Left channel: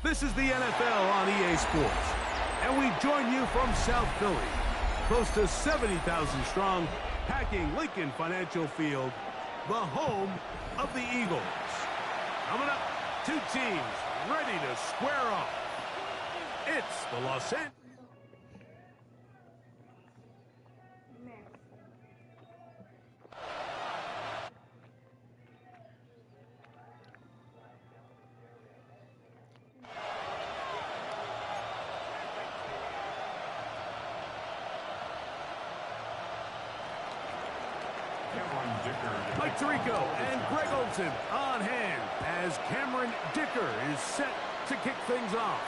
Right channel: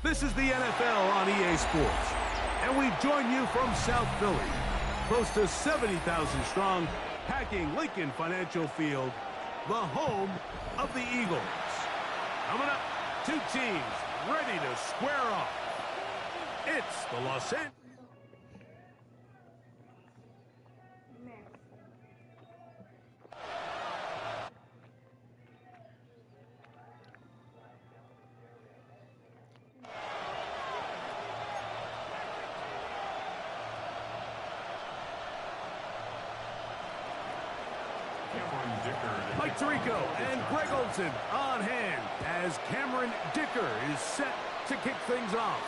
This is the NFL on EA Sports, and we join you from South Philly, close to 70,000 strong, packing Lincoln Financial Field, the home of the Eagles. Coming up, two teams ready to square off. It's the Los Angeles. Mike Tirico and Greg Olson on hand as Cameron Dicker is set to kick things off.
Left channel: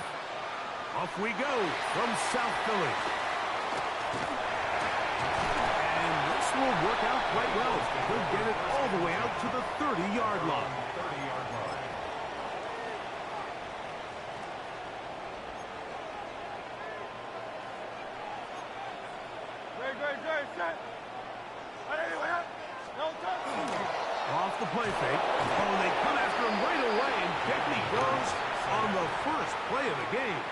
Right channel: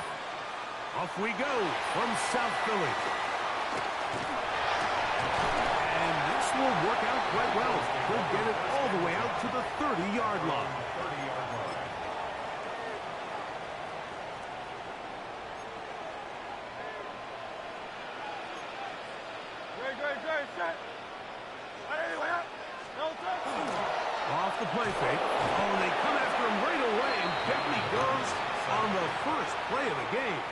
Off we go from South Philly. And this will work out quite well. He'll get it all the way out to the 30-yard line. Great, set. Off the play fake. Oh, they come after him right away, and down he goes on the first play of the game.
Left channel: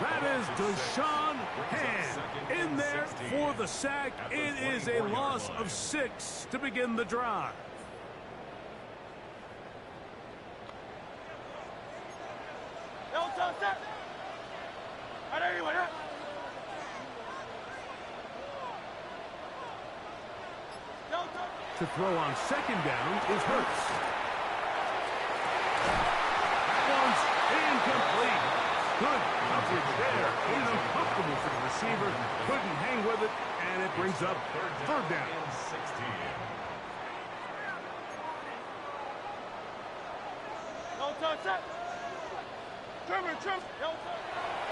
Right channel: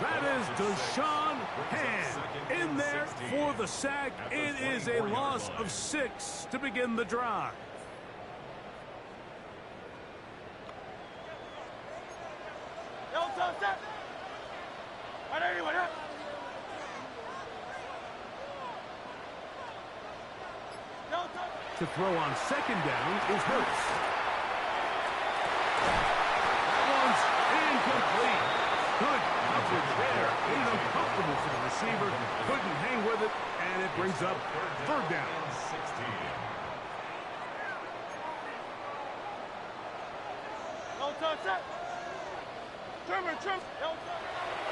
That is Deshaun Hand in there for the sack. It is a loss of 6 to begin the drive. To throw on second down is Hurts. That one's incomplete. Good coverage there. Made it uncomfortable for the receiver. Couldn't hang with it, and it brings up third down.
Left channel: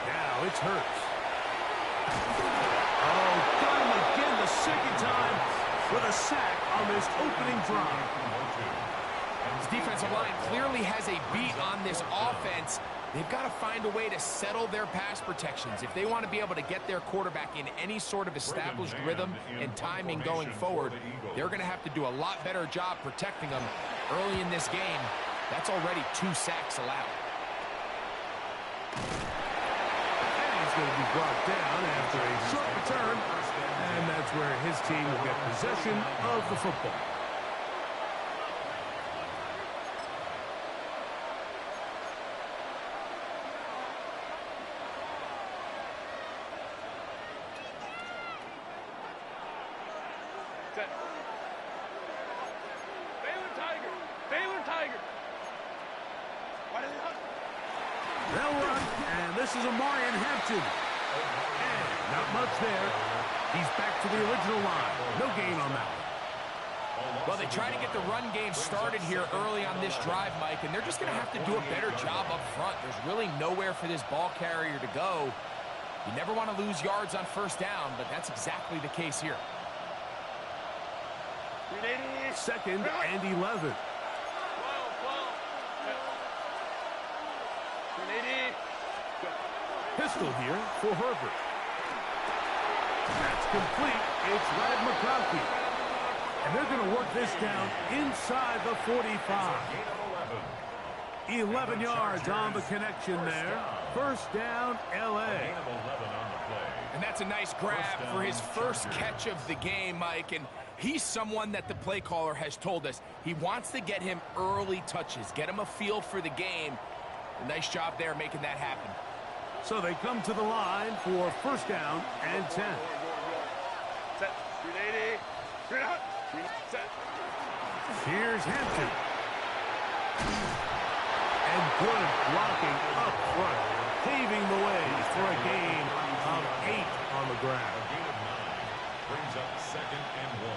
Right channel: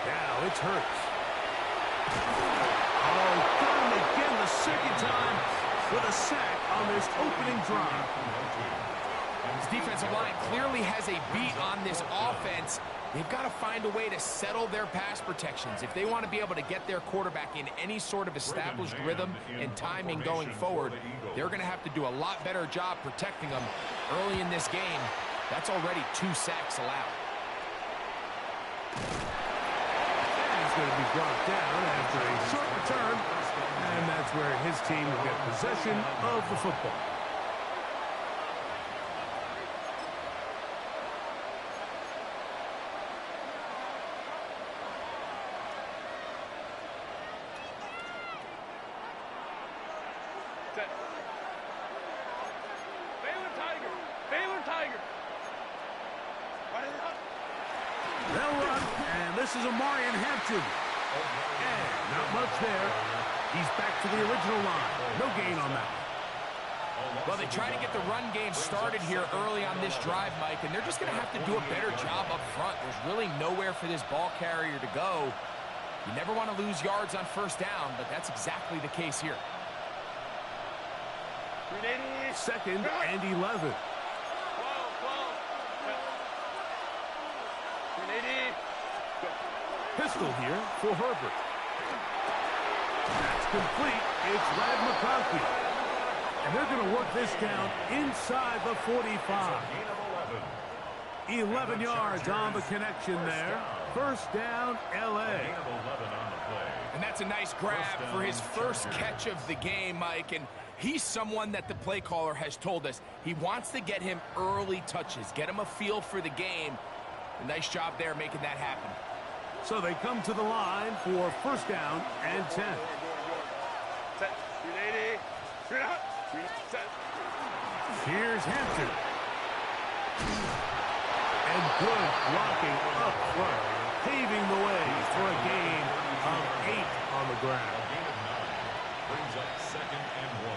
Now it's Hurts. Oh, got him again the second time with a sack on this opening drive. This defensive line clearly has a beat on this offense. They've got to find a way to settle their pass protections. If they want to be able to get their quarterback in any sort of established rhythm and timing going forward, they're going to have to do a lot better job protecting them early in this game. That's already 2 sacks allowed. And he's going to be brought down after a short return, and that's where his team will get possession of the football. They'll run, and this is Amarian Hampton. And not much there. He's back to the original line. No gain on that. Well, they try to get the run game started here early on this drive, Mike, and they're just going to have to do a better job up front. There's really nowhere for this ball carrier to go. You never want to lose yards on first down, but that's exactly the case here. Second and 11. Pistol here for Herbert. That's complete. It's Ladd McConkey. And they're going to work this down inside the 45. 11 yards on the connection there. First down, L.A. And that's a nice grab for his first catch of the game, Mike. And he's someone that the play caller has told us he wants to get him early touches, get him a feel for the game. A nice job there making that happen. So they come to the line for first down and 10. Set. 380. Set. Here's Hampton. And good blocking up front, paving the way for a gain of 8 on the ground. A gain of 9 brings up second and 1.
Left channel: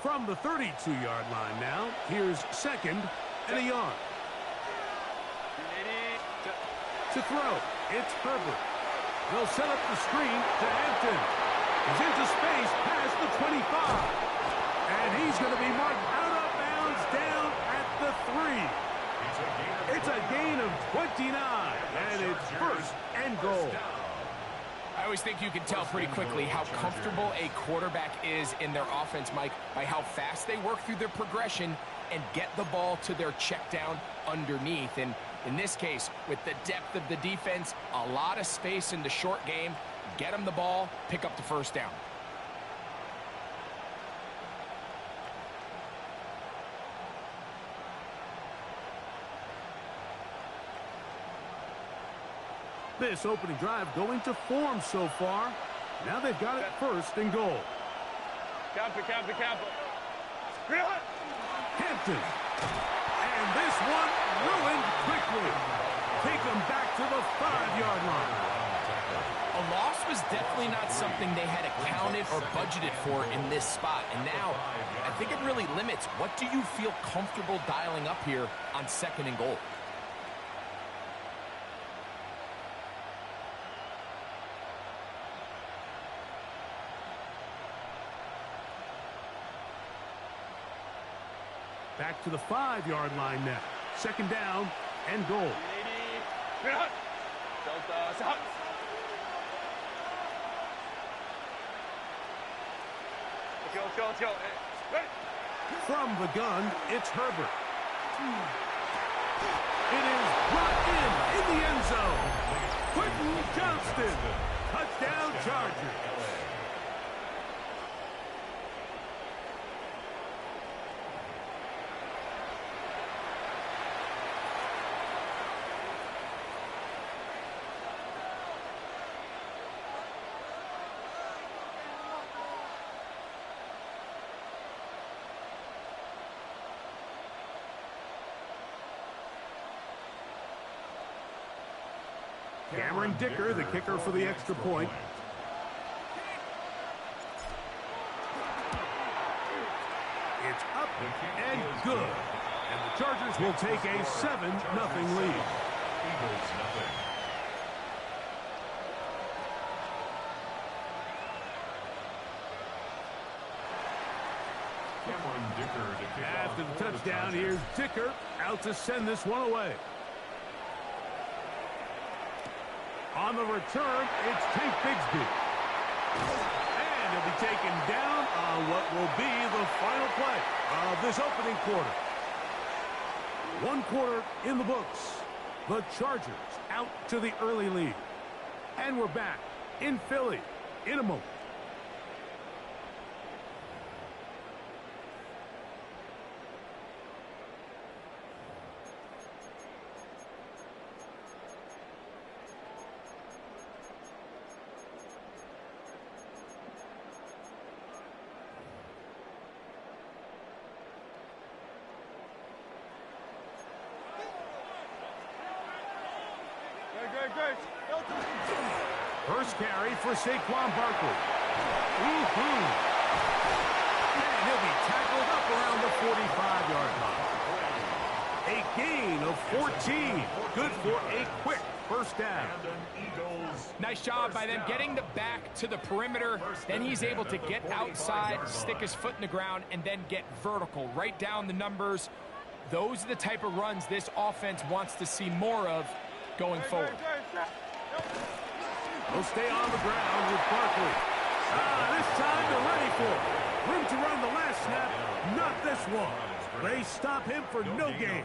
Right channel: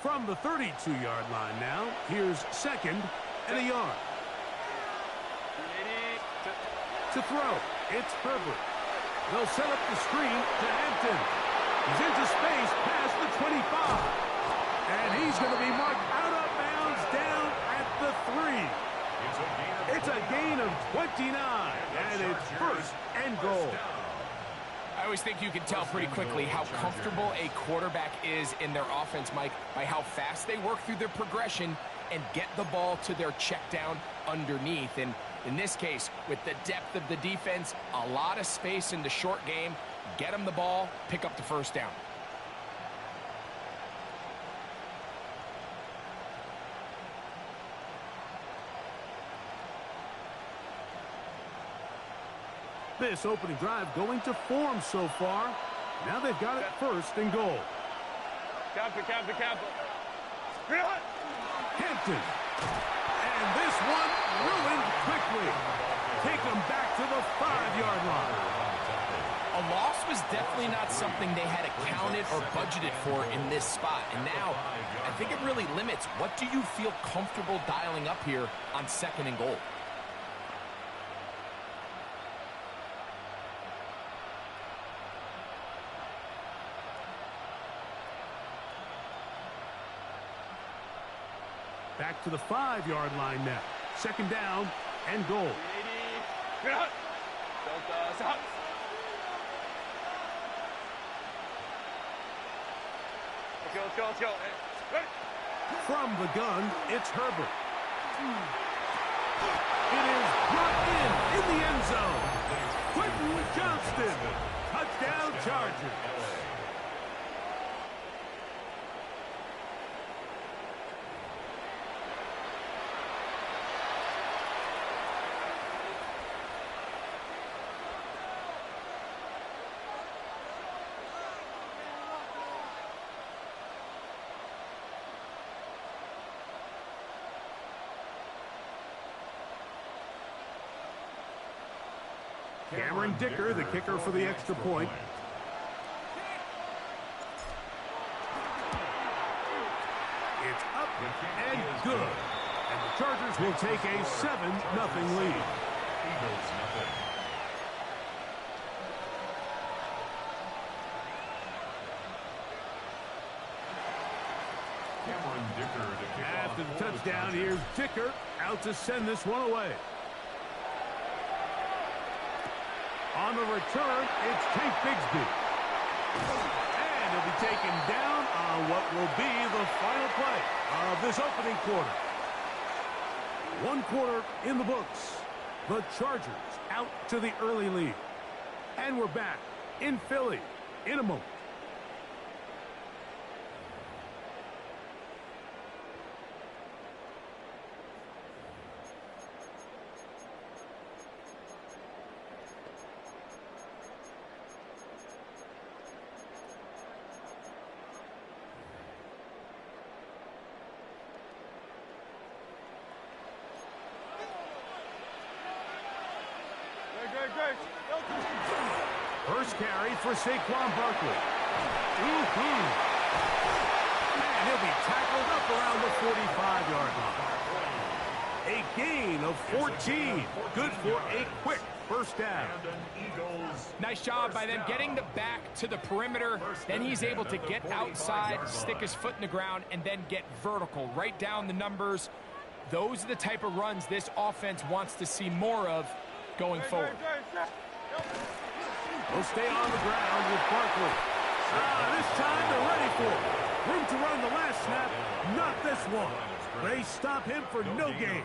From the 32-yard line now, here's second and a yard. To throw. it's Herbert. They'll set up the screen to Hampton. He's into space past the 25. And he's going to be marked out of bounds down at the 3. It's a gain of 29, and it's first and goal. I always think you can tell pretty quickly how comfortable a quarterback is in their offense, Mike, by how fast they work through their progression and get the ball to their check down underneath. And in this case, with the depth of the defense, a lot of space in the short game, get them the ball, pick up the first down. This opening drive going to form so far. Now they've got it first and goal. Camper. Hampton. And this one ruined quickly. Take them back to the 5-yard line. A loss was definitely not something they had accounted or budgeted for in this spot. And now, I think it really limits what do you feel comfortable dialing up here on 2nd and goal. Back to the 5-yard line now. 2nd down and goal. Let's go. Ready? From the gun, it's Herbert. It is brought in the end zone. Quentin Johnston. Touchdown Chargers. Cameron Dicker, the kicker for the extra point. It's up and good. And the Chargers will take a 7-0 lead. Eagles nothing. Cameron Dicker to kick After off the touchdown, here's Dicker out to send this one away. On the return, it's Tank Bigsby. And he'll be taken down on what will be the final play of this opening quarter. 1 quarter in the books. The Chargers out to the early lead. And we're back in Philly in a moment. First carry for Saquon Barkley. And he'll be tackled up around the 45-yard line. A gain of 14. Good for a quick first down. Nice job by them getting the back to the perimeter. Then he's able to get outside, stick his foot in the ground, and then get vertical. Right down the numbers. Those are the type of runs this offense wants to see more of going forward. They'll stay on the ground with Barkley. This time they're ready for it. Room to run the last snap, not this one. They stop him for no gain.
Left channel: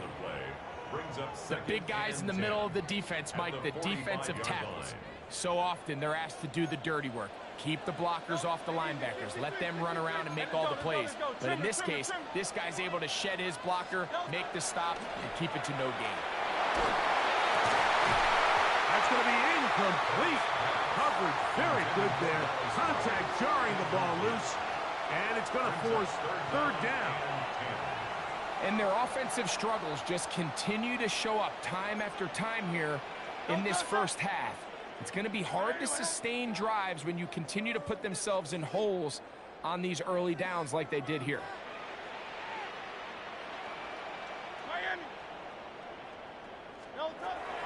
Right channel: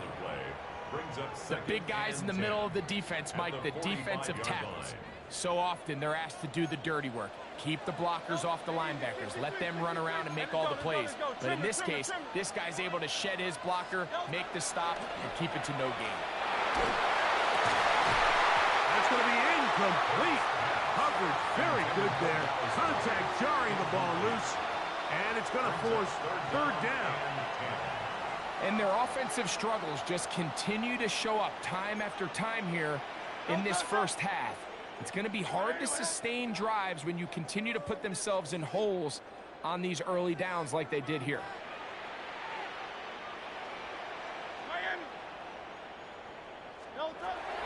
The big guys in the middle of the defense, Mike, the defensive tackles. So often they're asked to do the dirty work. Keep the blockers off the linebackers. Let them run around and make all the plays. But in this case, this guy's able to shed his blocker, make the stop, and keep it to no gain. That's going to be incomplete. Coverage very good there. Contact jarring the ball loose. And it's going to force 3rd down. And their offensive struggles just continue to show up time after time here in this first half. It's going to be hard to sustain drives when you continue to put themselves in holes on these early downs like they did here.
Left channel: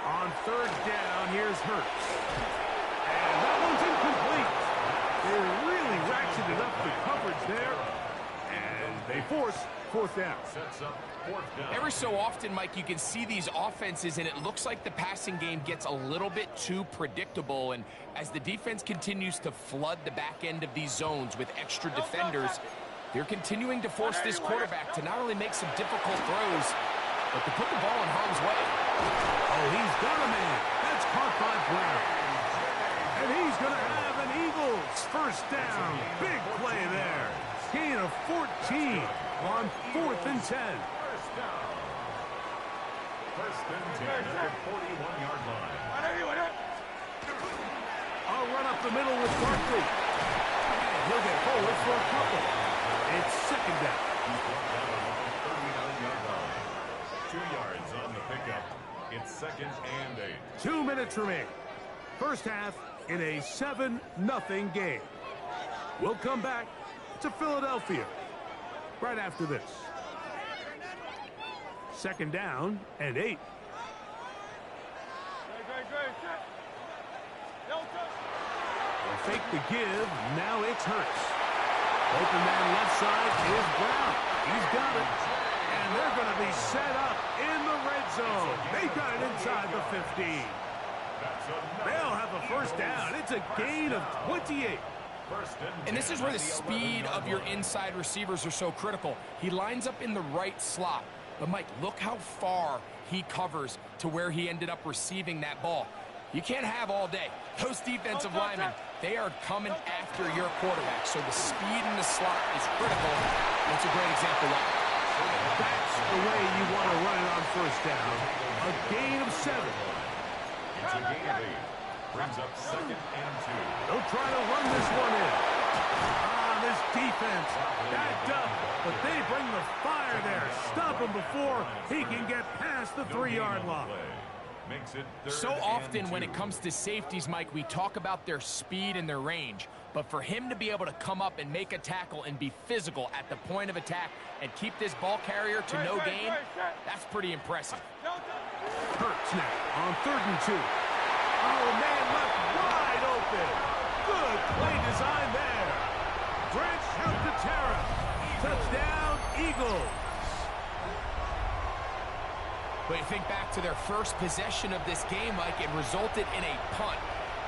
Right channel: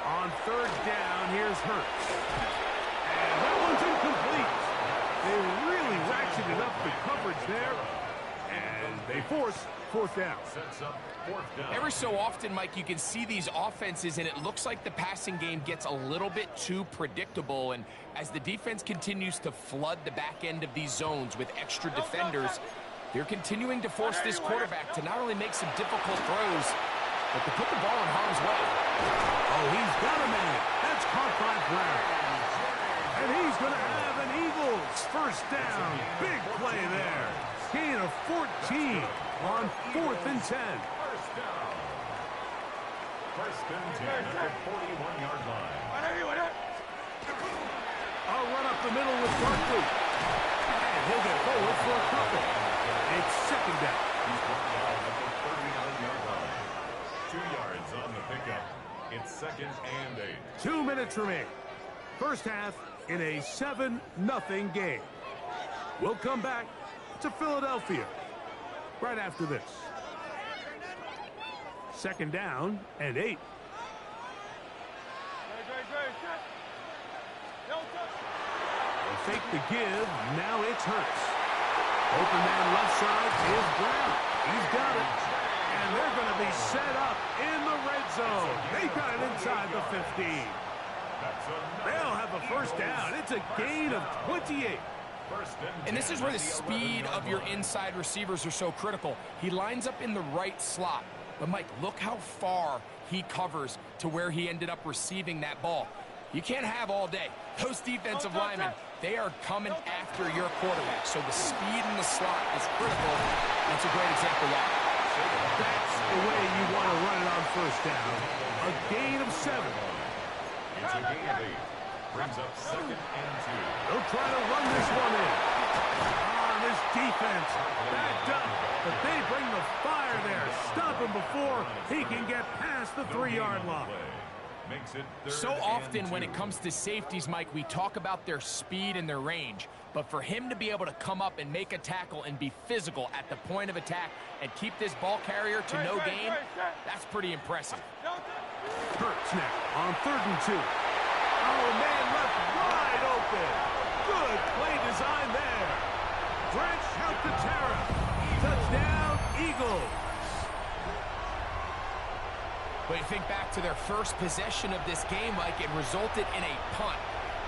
On third down, here's Hurts. And that one's incomplete. They really ratcheted up the coverage there, and they force fourth down. Sets up fourth down. Every so often, Mike, you can see these offenses, and it looks like the passing game gets a little bit too predictable. And as the defense continues to flood the back end of these zones with extra defenders, they're continuing to force this quarterback to not only make some difficult throws, but to put the ball in harm's way. Oh, he's got a man. That's caught by Brown. And he's going to have an Eagles first down. Big play there. Gain of 14 on 4th and 10. First down. First and 10 at the 41-yard line. A run up the middle with Barkley. And he'll get forward for a couple. It's second down. He's brought down at the 39-yard line. 2 yards on the pickup. It's second and 8. 2 minutes remain. First half in a 7-0 game. We'll come back to Philadelphia right after this. Second down and 8. They'll fake the give. Now it's Hurts. Open man left side is Brown. He's got it. And they're going to be set up in the red zone. They got it inside the 15. They'll have a first down. It's a gain of 28. And this is where the speed of your inside receivers are so critical. He lines up in the right slot. But, Mike, look how far he covers to where he ended up receiving that ball. You can't have all day. Those defensive linemen, they are coming after your quarterback. So the speed in the slot is critical. That's a great example why. That's the way you want to run it on first down. A gain of 7. It's a gain of 8. Brings up second and 2. They'll try to run this one in. This defense backed up, but they bring the fire there. Stop him before he can get past the 3-yard line. So often when it comes to safeties, Mike, we talk about their speed and their range. But for him to be able to come up and make a tackle and be physical at the point of attack and keep this ball carrier to no gain, that's pretty impressive. Hurts now on 3rd and 2. Oh, man left wide open. Good play design there. Branch out to Terra. Touchdown, Eagles. But you think back to their first possession of this game, Mike, it resulted in a punt.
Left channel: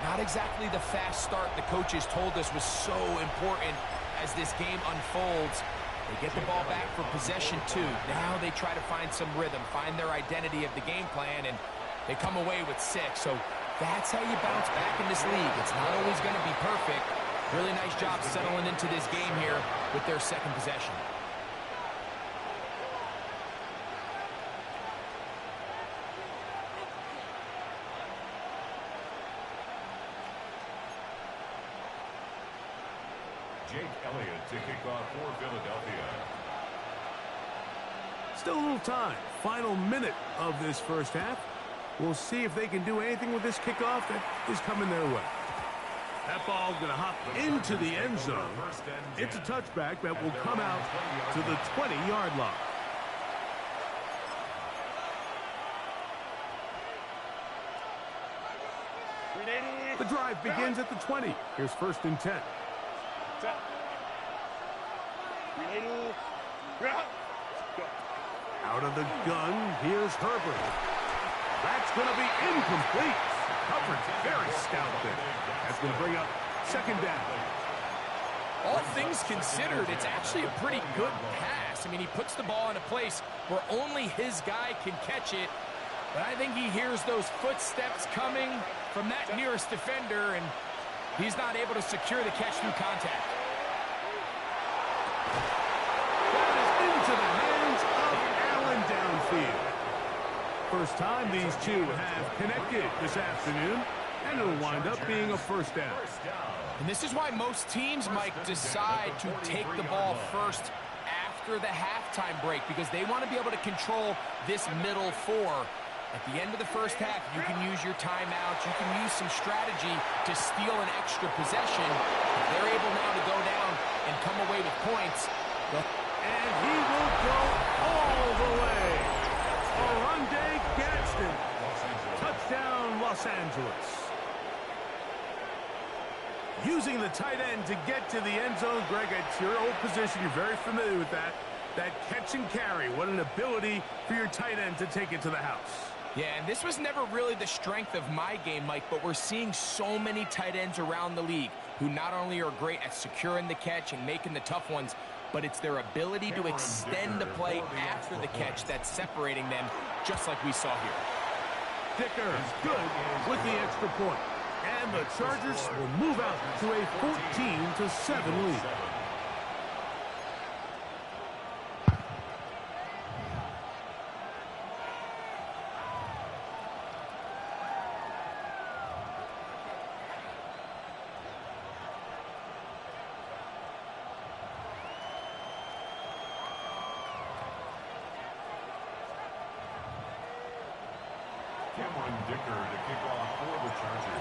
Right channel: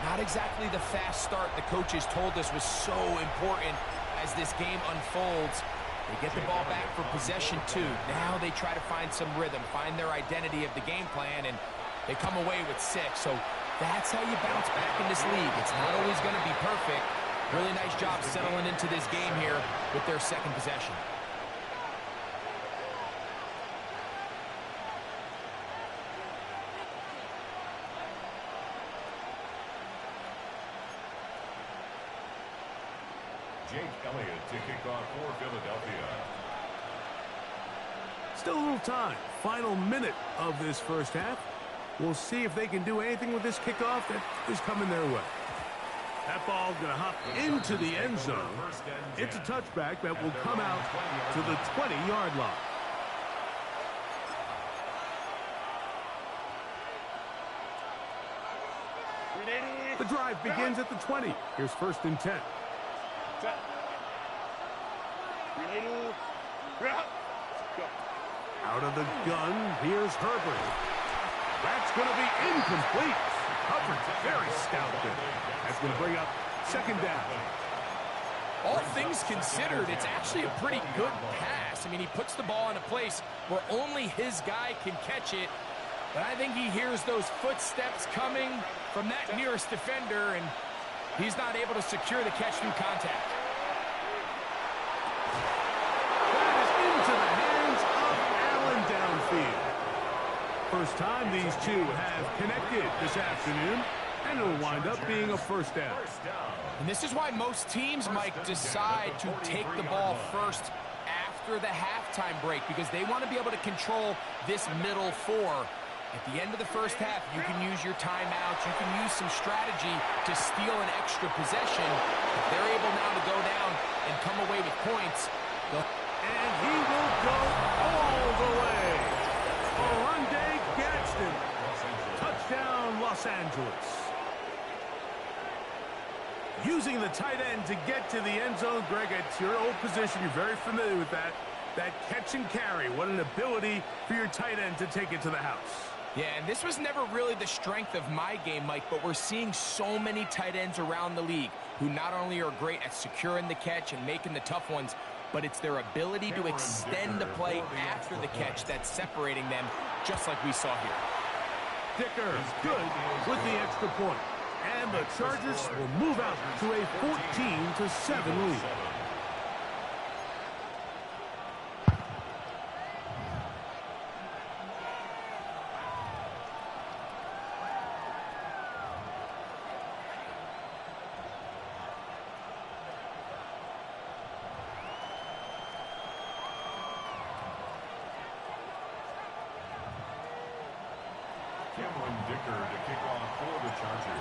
Not exactly the fast start the coaches told us was so important as this game unfolds. They get the ball back for possession 2. Now they try to find some rhythm, find their identity of the game plan, and they come away with 6. So that's how you bounce back in this league. It's not always going to be perfect. Really nice job settling into this game here with their second possession. Jake Elliott to kick off for Philadelphia. Still a little time. Final minute of this first half. We'll see if they can do anything with this kickoff that is coming their way. That ball's going to hop into the end zone. It's a touchback that will come out to the 20-yard line. The drive begins at the 20. Here's 1st and 10. Out of the gun, here's Herbert. That's going to be incomplete. Coverage very stout there. That's going to bring up second down. All things considered, it's actually a pretty good pass. I mean, he puts the ball in a place where only his guy can catch it. But I think he hears those footsteps coming from that nearest defender, and he's not able to secure the catch through contact. That is into the hands of Allen downfield. First time these two have connected this afternoon, and it'll wind up being a first down. And this is why most teams, Mike, decide to take the ball first after the halftime break, because they want to be able to control this middle 4. At the end of the first half, you can use your timeouts. You can use some strategy to steal an extra possession. If they're able now to go down and come away with points, and he will go all the way. Oronde Gadsden. Los Angeles. Touchdown, Los Angeles. Using the tight end to get to the end zone, Greg, it's your old position. You're very familiar with that. That catch and carry. What an ability for your tight end to take it to the house. Yeah, and this was never really the strength of my game, Mike, but we're seeing so many tight ends around the league who not only are great at securing the catch and making the tough ones, but it's their ability to extend the play after the catch that's separating them, just like we saw here. Dicker good with the extra point. And the Chargers will move out to a 14-7 lead. Cameron Dicker to kick off for the Chargers.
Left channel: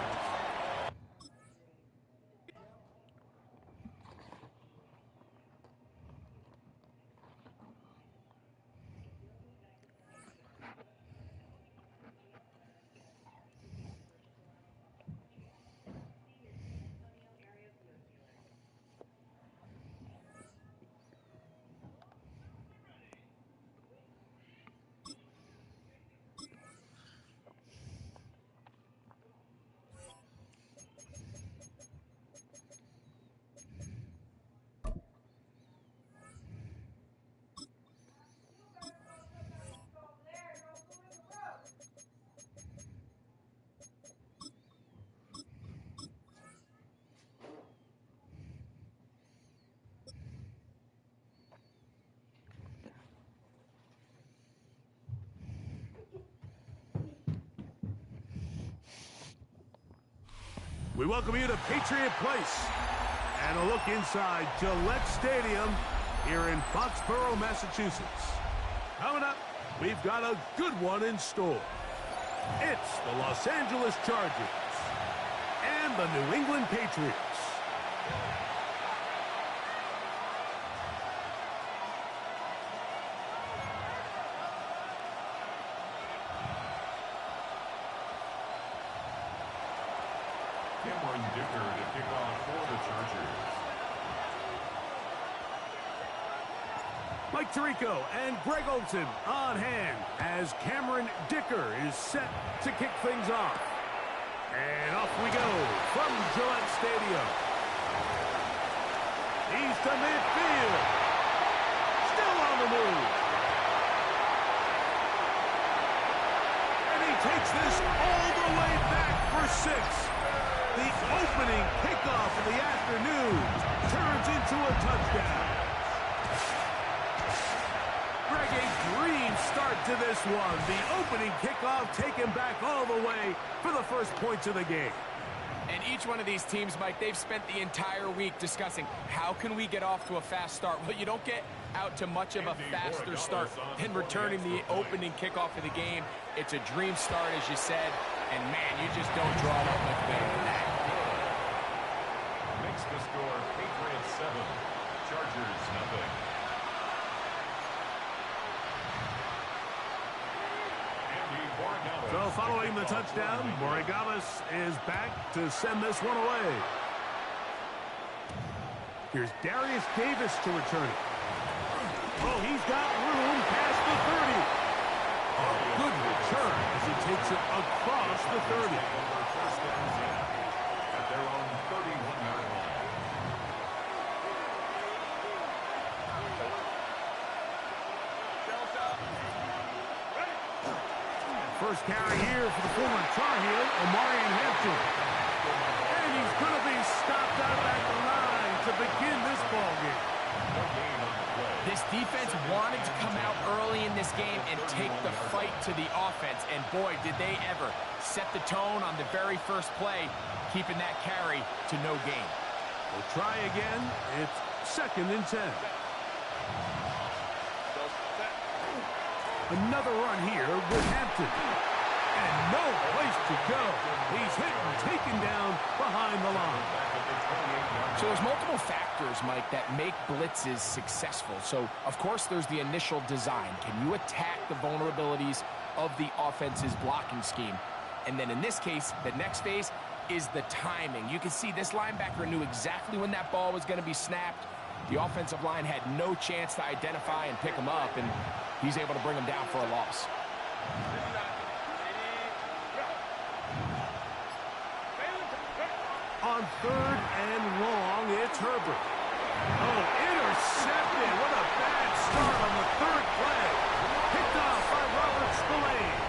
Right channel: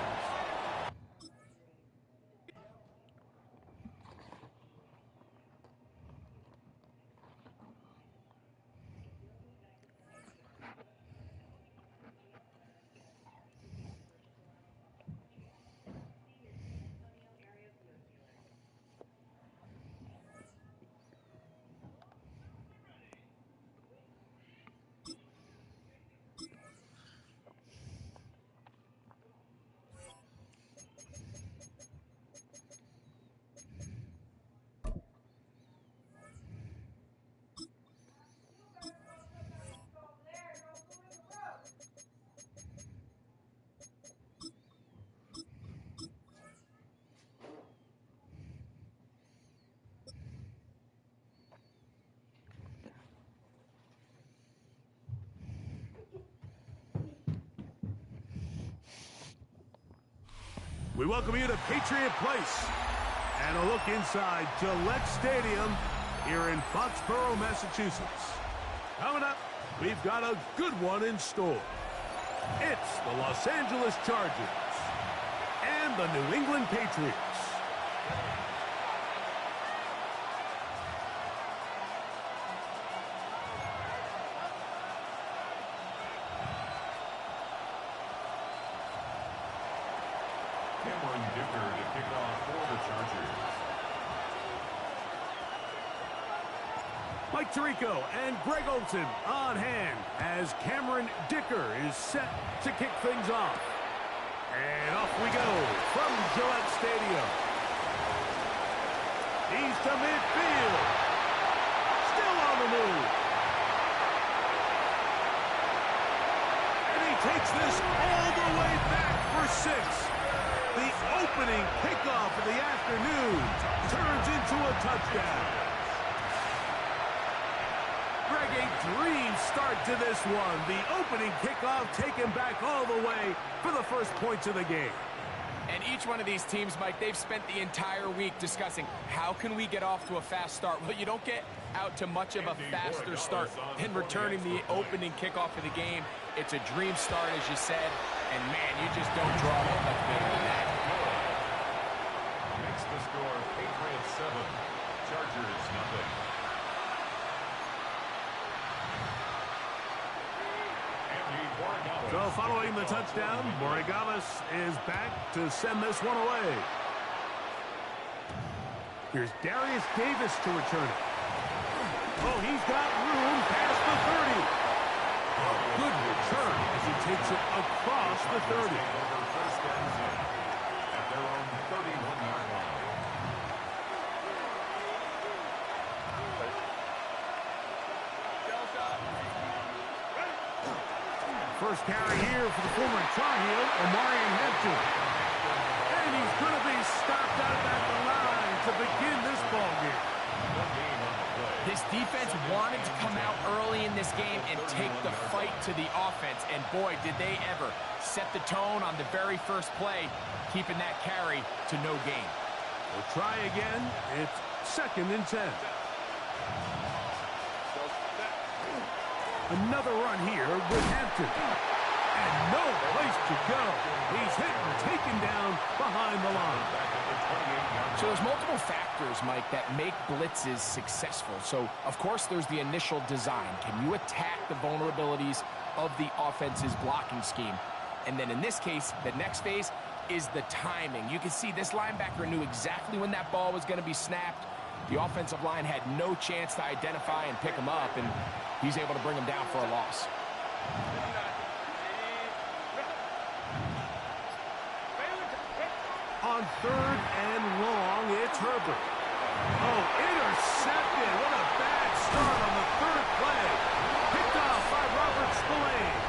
We welcome you to Patriot Place and a look inside Gillette Stadium here in Foxborough, Massachusetts. Coming up, we've got a good one in store. It's the Los Angeles Chargers and the New England Patriots. Cameron Dicker to kick off for the Chargers. Mike Tirico and Greg Olson on hand as Cameron Dicker is set to kick things off. And off we go from Gillette Stadium. He's to midfield. Still on the move. And he takes this all the way back for 6. The opening kickoff of the afternoon turns into a touchdown. Greg, a dream start to this one. The opening kickoff taken back all the way for the first points of the game. And each one of these teams, Mike, they've spent the entire week discussing how can we get off to a fast start. Well, you don't get out to much of a faster start than returning the opening kickoff of the game. It's a dream start, as you said, and man, you just don't draw that much better than that. Good. Makes the score Patriots 7, Chargers 0. So following the touchdown, Borregales is back to send this one away. Here's Darius Davis to return it. Oh, he's got room past the 30. A good return as he takes it across the 30. First and 10 at their own 31-yard line. First carry here for the former Tar Heel, Omarion Hampton. And he's going to be stopped out at the line to begin this ball game. No gain on the play. This defense wanted to come out early in this game and take the fight to the offense, and boy, did they ever set the tone on the very first play, keeping that carry to no gain. We'll try again. It's 2nd and 10. Another run here with Hampton. And no place to go. He's hit and taken down behind the line. So there's multiple factors, Mike, that make blitzes successful. So, of course, there's the initial design. Can you attack the vulnerabilities of the offense's blocking scheme? And then in this case, the next phase is the timing. You can see this linebacker knew exactly when that ball was going to be snapped. The offensive line had no chance to identify and pick him up, and he's able to bring him down for a loss. On 3rd and long, it's Herbert. Oh, intercepted. What a bad start on the 3rd play. Picked off by Robert Spillane.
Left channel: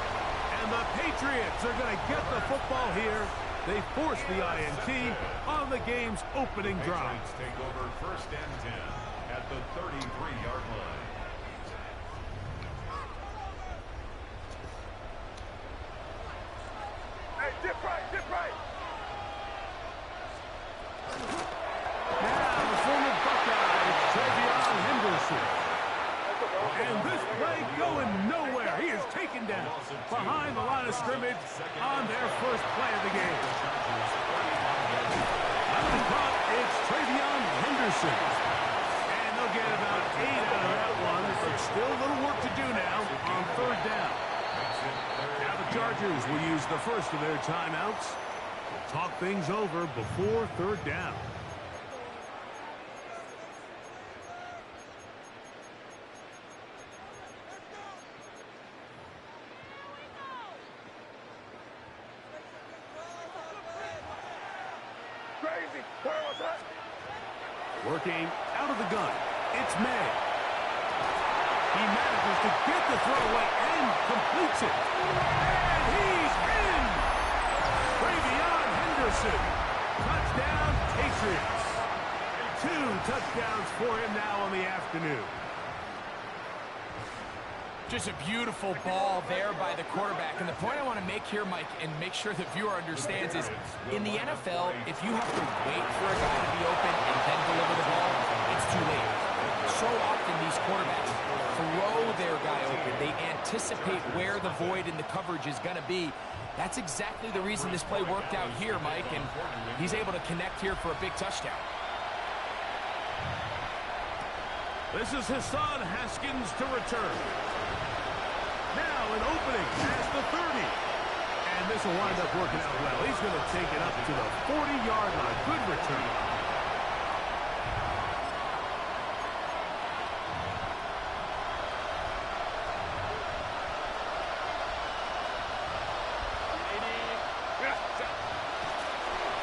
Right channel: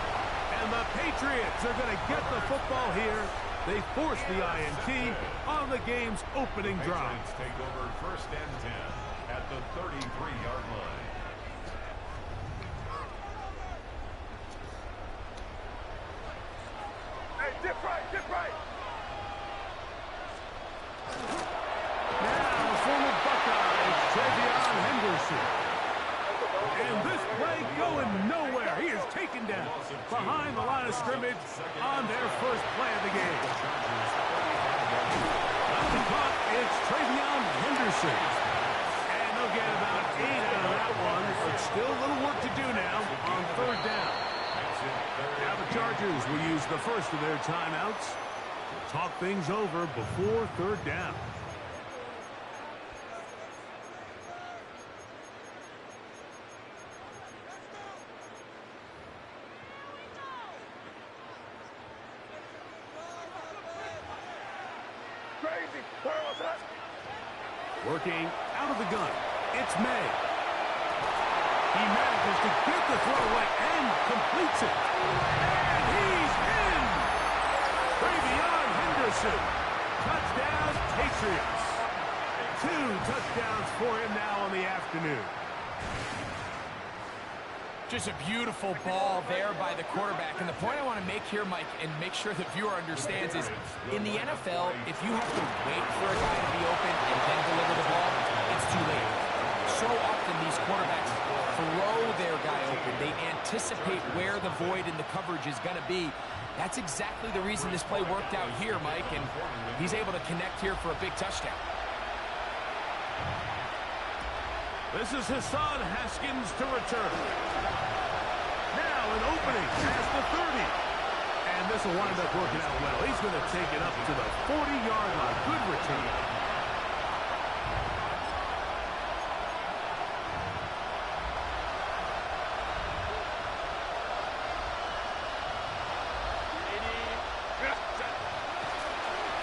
And the Patriots are going to get the football here. They force the INT on the game's opening drive. Patriots take over 1st and 10 at the 33-yard line. Hey, dip right. Now, the former Buckeye, Travion Henderson. And this play going nowhere. He is taken down behind the line of scrimmage on their first play of the game. That'll be caught. It's Travion Henderson. And they'll get about 8 out of that one, but still a little work to do now on 3rd down. Now the Chargers will use the first of their timeouts to talk things over before 3rd down. Crazy. Where was that? Working out of the gun, it's May. He manages to get the throw away and completes it. And he's in! Travion Henderson. Touchdown, Patriots. 2 touchdowns for him now on the afternoon. Just a beautiful ball there by the quarterback. And the point I want to make here, Mike, and make sure the viewer understands is, in the NFL, if you have to wait for a guy to be open and then deliver the ball, it's too late. So often these quarterbacks throw their guy open. They anticipate where the void in the coverage is going to be. That's exactly the reason this play worked out here, Mike, and he's able to connect here for a big touchdown. This is Hassan Haskins to return. Now an opening past the 30. And this will wind up working out well. He's going to take it up to the 40-yard line. Good return.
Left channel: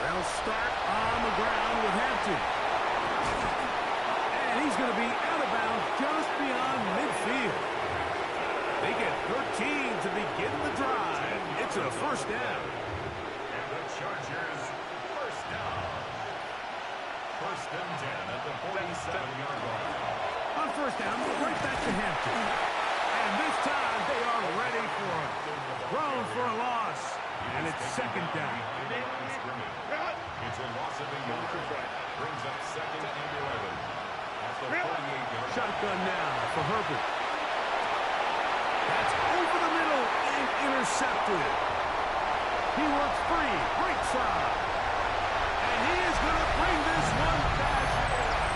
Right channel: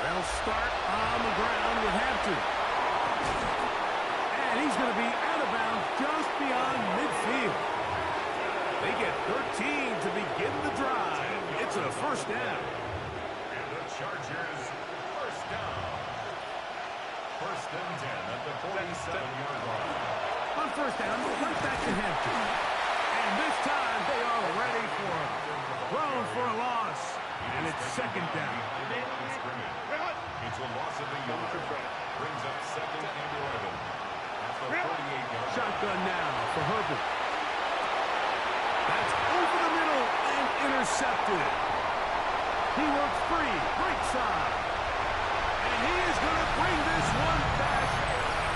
They'll start on the ground with Hampton. And he's going to be out of bounds just beyond midfield. They get 13 to begin the drive. It's a 1st down. And the Chargers, 1st down. 1st and 10 at the 47-yard line. On 1st down, right back to Hampton. And this time they are ready for him. Thrown for a loss. And it's 2nd down. It's a loss of a yard. Brings up 2nd and 11. At the 48-yard. Shotgun now for Herbert. That's over the middle and intercepted. He works free, right side. And he is going to bring this one back.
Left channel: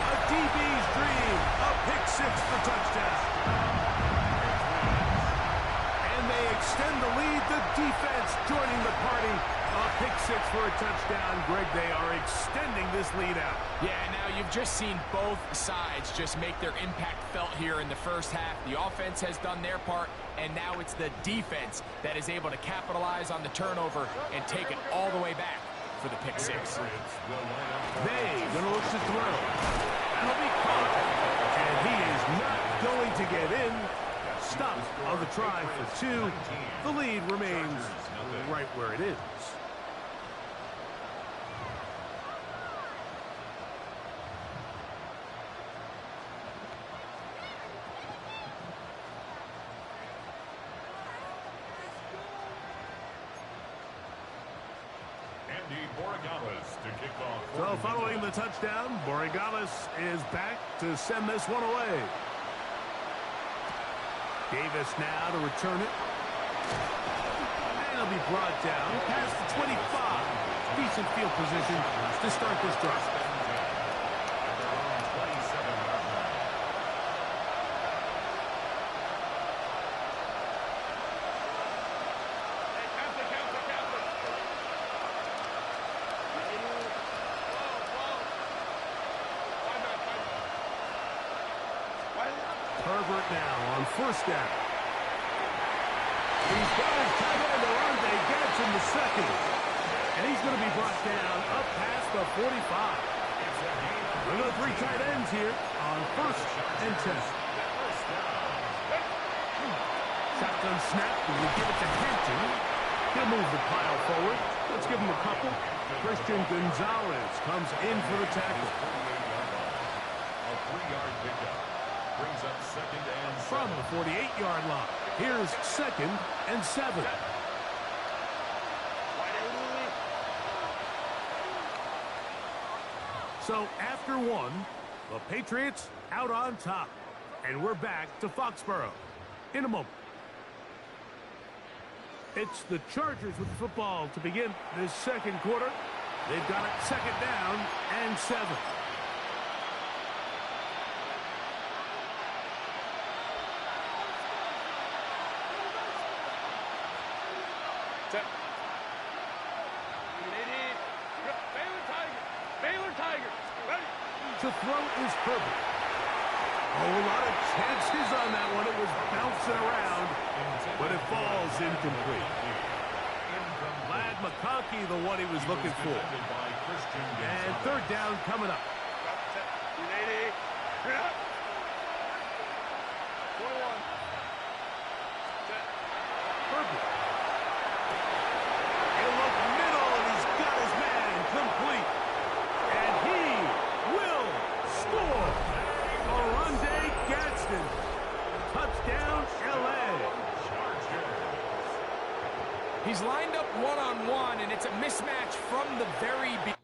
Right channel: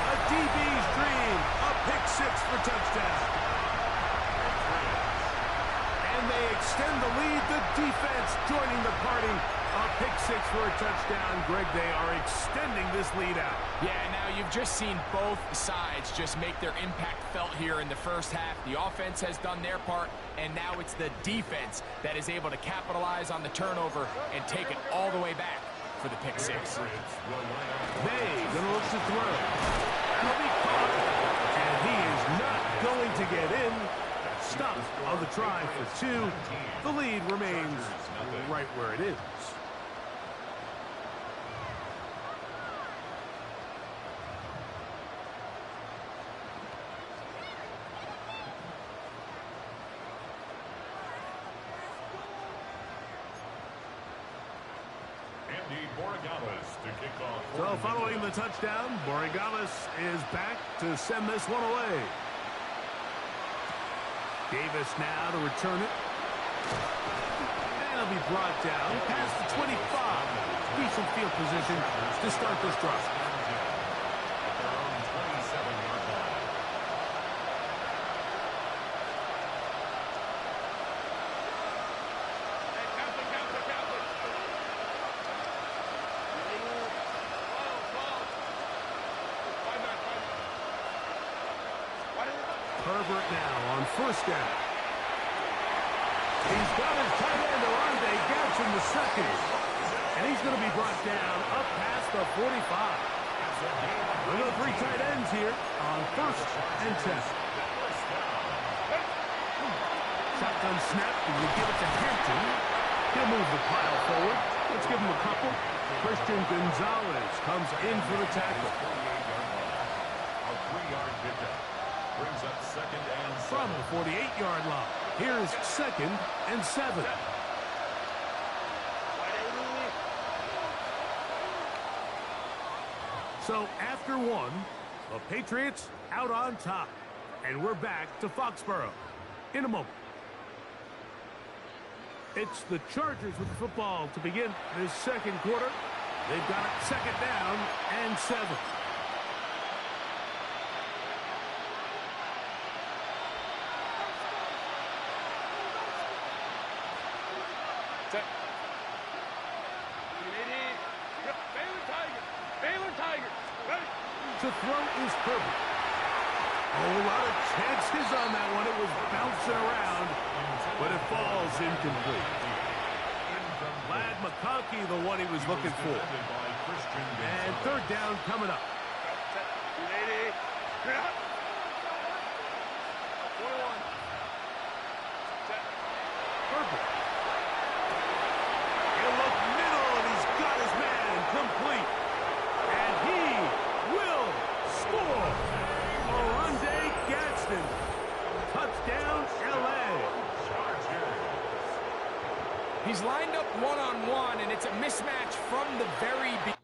A DB's dream. A pick 6 for touchdown. And they extend the lead. The defense joining the party. A pick 6 for a touchdown. Greg, they are extending this lead out. Yeah, now you've just seen both sides just make their impact felt here in the first half. The offense has done their part, and now it's the defense that is able to capitalize on the turnover and take it all the way back for the pick 6. They going to look to throw. That'll be caught. And he is not going to get in. Stop on the try for 2. The lead remains right where it is. To kick off. So following the touchdown, Borregales is back to send this one away. Davis now to return it. And they'll be brought down past the 25. Decent field position to start this drive. At their own 27-yard line. Hey, count it. Herbert now on first down. He's got his tight end, Arande Gadsden the second. And he's going to be brought down up past the 45. We've got 3 tight ends here on first and 10. Shotgun snap, and we give it to Hampton. He'll move the pile forward. Let's give him a couple. Christian Gonzalez comes in for the tackle. A 3-yard pickup. Brings up second and 7. From the 48-yard line, here's second and 7. So after 1, the Patriots out on top. And we're back to Foxborough in a moment. It's the Chargers with the football to begin this second quarter. They've got it second down and 7. Baylor Tigers, ready. To throw is Herbert. Oh, a lot of chances on that one. It was bouncing around, but it falls incomplete. Lad McConkey, the one he was looking for. And third down coming up. 380. 21. Herbert. He'll look middle, and he's got his man complete. And he will score. Arande Gadsden. Touchdown, L.A. He's lined up one-on-one, and it's a mismatch from the very beginning.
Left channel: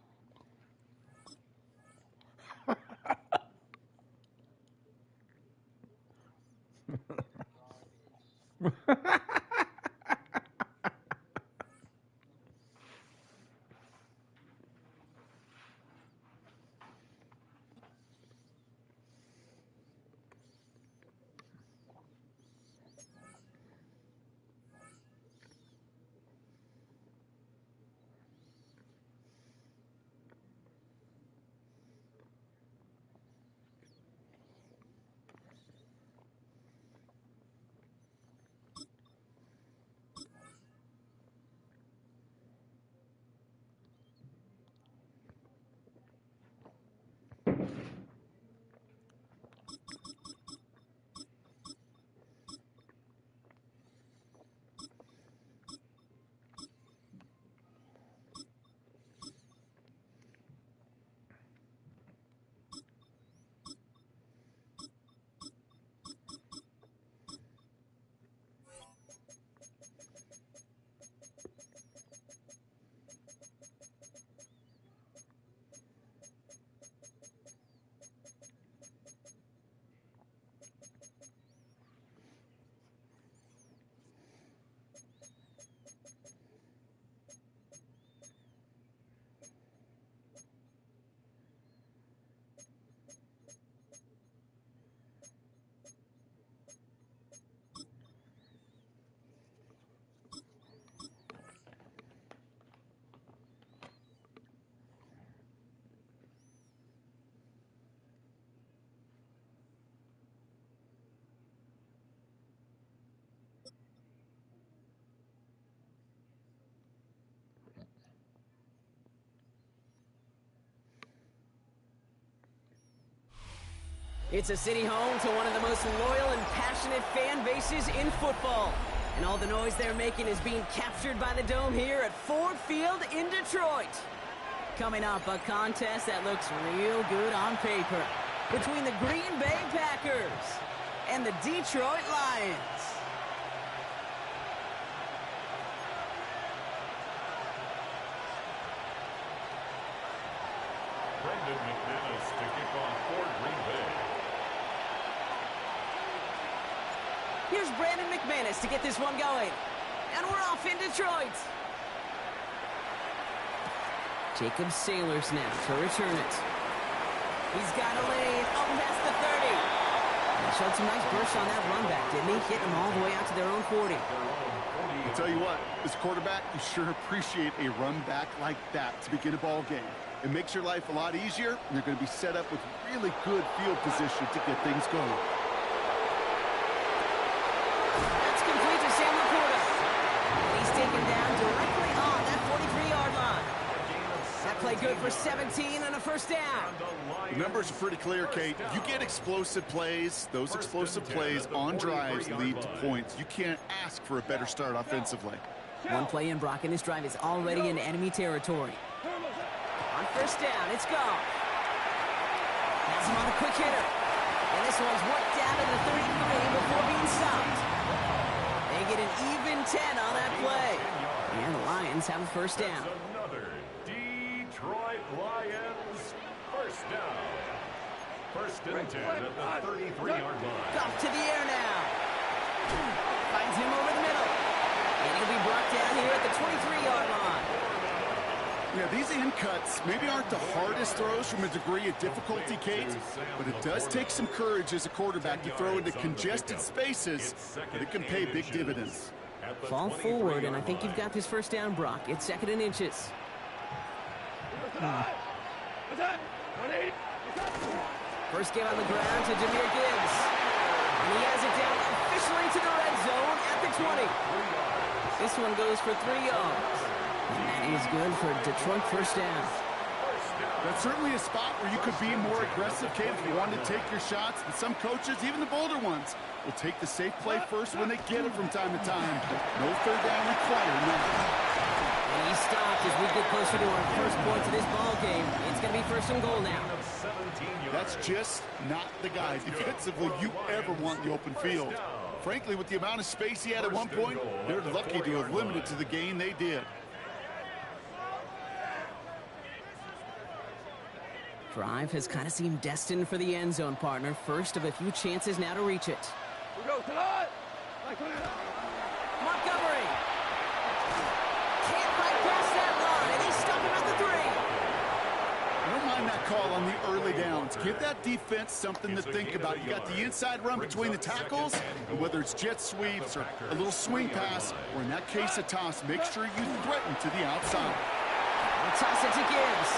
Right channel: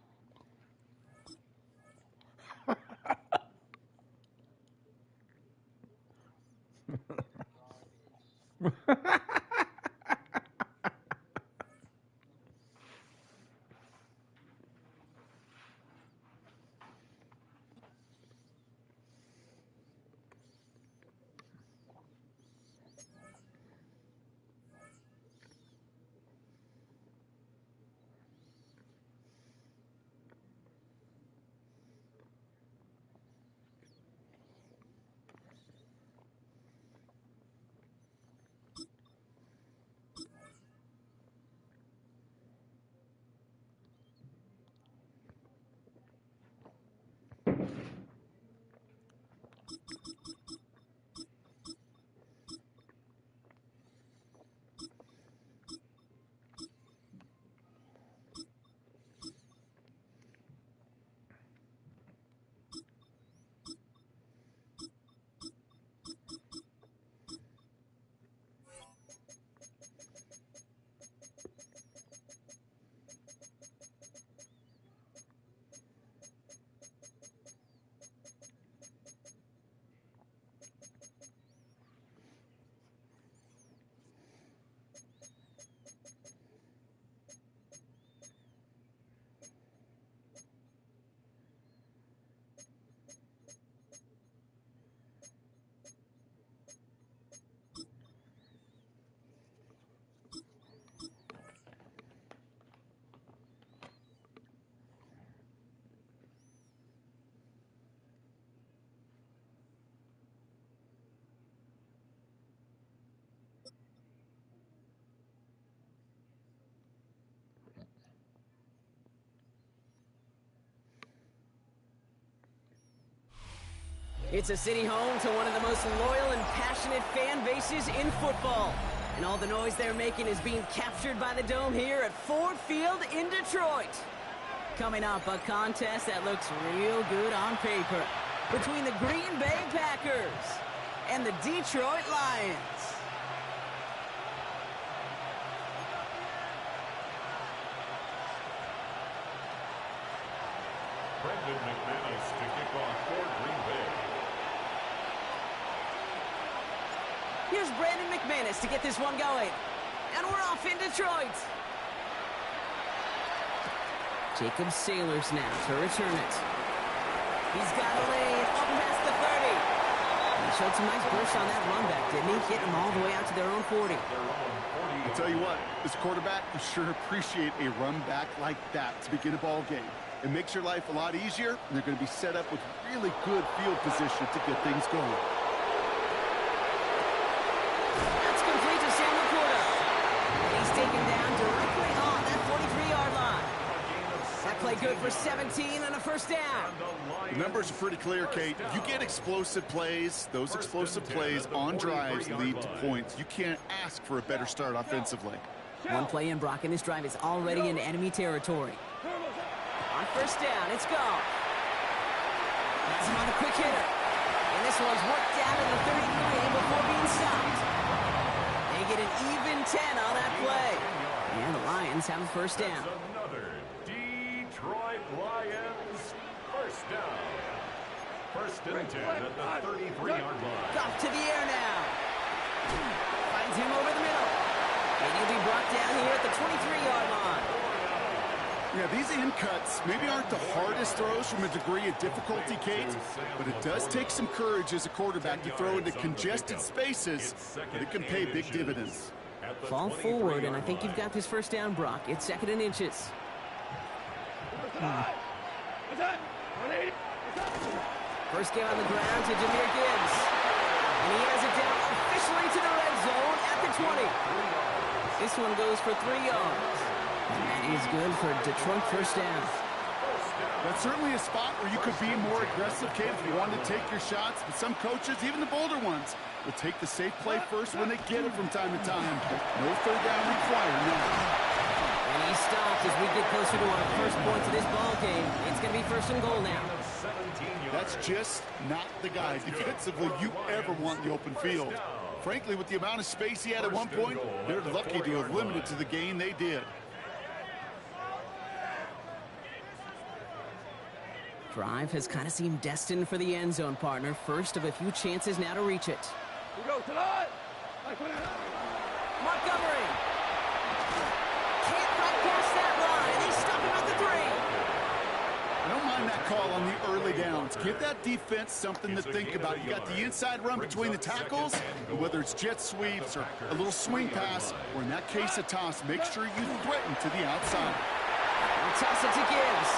It's a city home to one of the most loyal and passionate fan bases in football. And all the noise they're making is being captured by the Dome here at Ford Field in Detroit. Coming up, a contest that looks real good on paper between the Green Bay Packers and the Detroit Lions. Brendan McManus to kick off for Green Bay. Here's Brandon McManus to get this one going. And we're off in Detroit. Jacob Sailors now to return it. He's got a lane up past the 30. He showed some nice burst on that run back, didn't he? Getting them all the way out to their own 40. I'll tell you what, as a quarterback, you sure appreciate a run back like that to begin a ball game. It makes your life a lot easier, and they're going to be set up with really good field position to get things going. That's complete to Sam Laporta. And he's taken down directly on that 43-yard line. That play good for 17 and a first down. The numbers are pretty clear, Kate. You get explosive plays. Those explosive plays on drives lead to points. You can't ask for a better start offensively. One play in, Brock, and this drive is already in enemy territory. On first down, it's gone. That's him on the quick hitter. And this one's worked down to the 33 before being stopped. They get an even 10 on that play. And the Lions have a first down. Another Detroit Lions first down. First and 10 at the 33-yard line. Goff to the air now. Finds him over the middle. And he'll be brought down here at the 23-yard line. Yeah, these in cuts maybe aren't the hardest throws from a degree of difficulty, Kate, but it does take some courage as a quarterback to throw into congested spaces, but it can pay big dividends. Fall forward, and I think you've got this first down, Brock. It's second and inches. First game on the ground to Jahmyr Gibbs. And he has it down officially to the red zone at the 20. This one goes for 3 yards. And that is good for Detroit first down. That's certainly a spot where you could be more aggressive, Kate, if you wanted to take your shots. But some coaches, even the bolder ones, will take the safe play first when they get it from time to time. No third down required now. And he stopped as we get closer to our first point of this ball game. It's going to be first and goal now. That's just not the guy defensively you ever want in the open field. Frankly, with the amount of space he had at one point, they're lucky to have limited to the gain they did. Drive has kind of seemed destined for the end zone, partner. First of a few chances now to reach it. Montgomery can't break past that line, and they stop him at the 3. I don't mind that call on the early downs. Give that defense something to think about. You got the inside run between the tackles, and whether it's jet sweeps or a little swing pass, or in that case a toss, make sure you threaten to the outside. I'll toss it to Gibbs.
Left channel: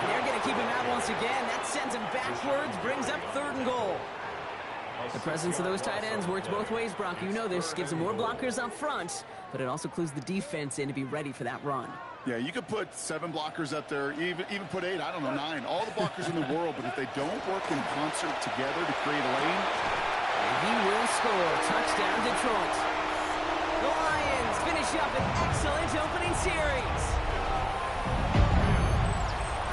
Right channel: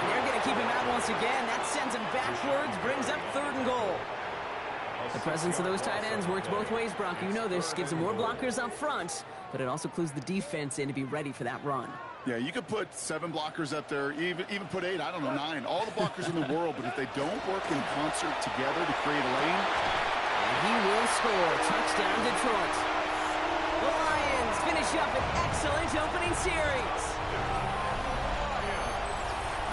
And they're going to keep him out once again. That sends him backwards, brings up third and goal. The presence of those tight ends works both ways, Brock. You know this. Gives them more blockers up front, but it also clues the defense in to be ready for that run. Yeah, you could put 7 blockers up there, even put 8, I don't know, 9. All the blockers in the world, but if they don't work in concert together to create a lane. And he will score. Touchdown, Detroit. The Lions finish up an excellent opening series.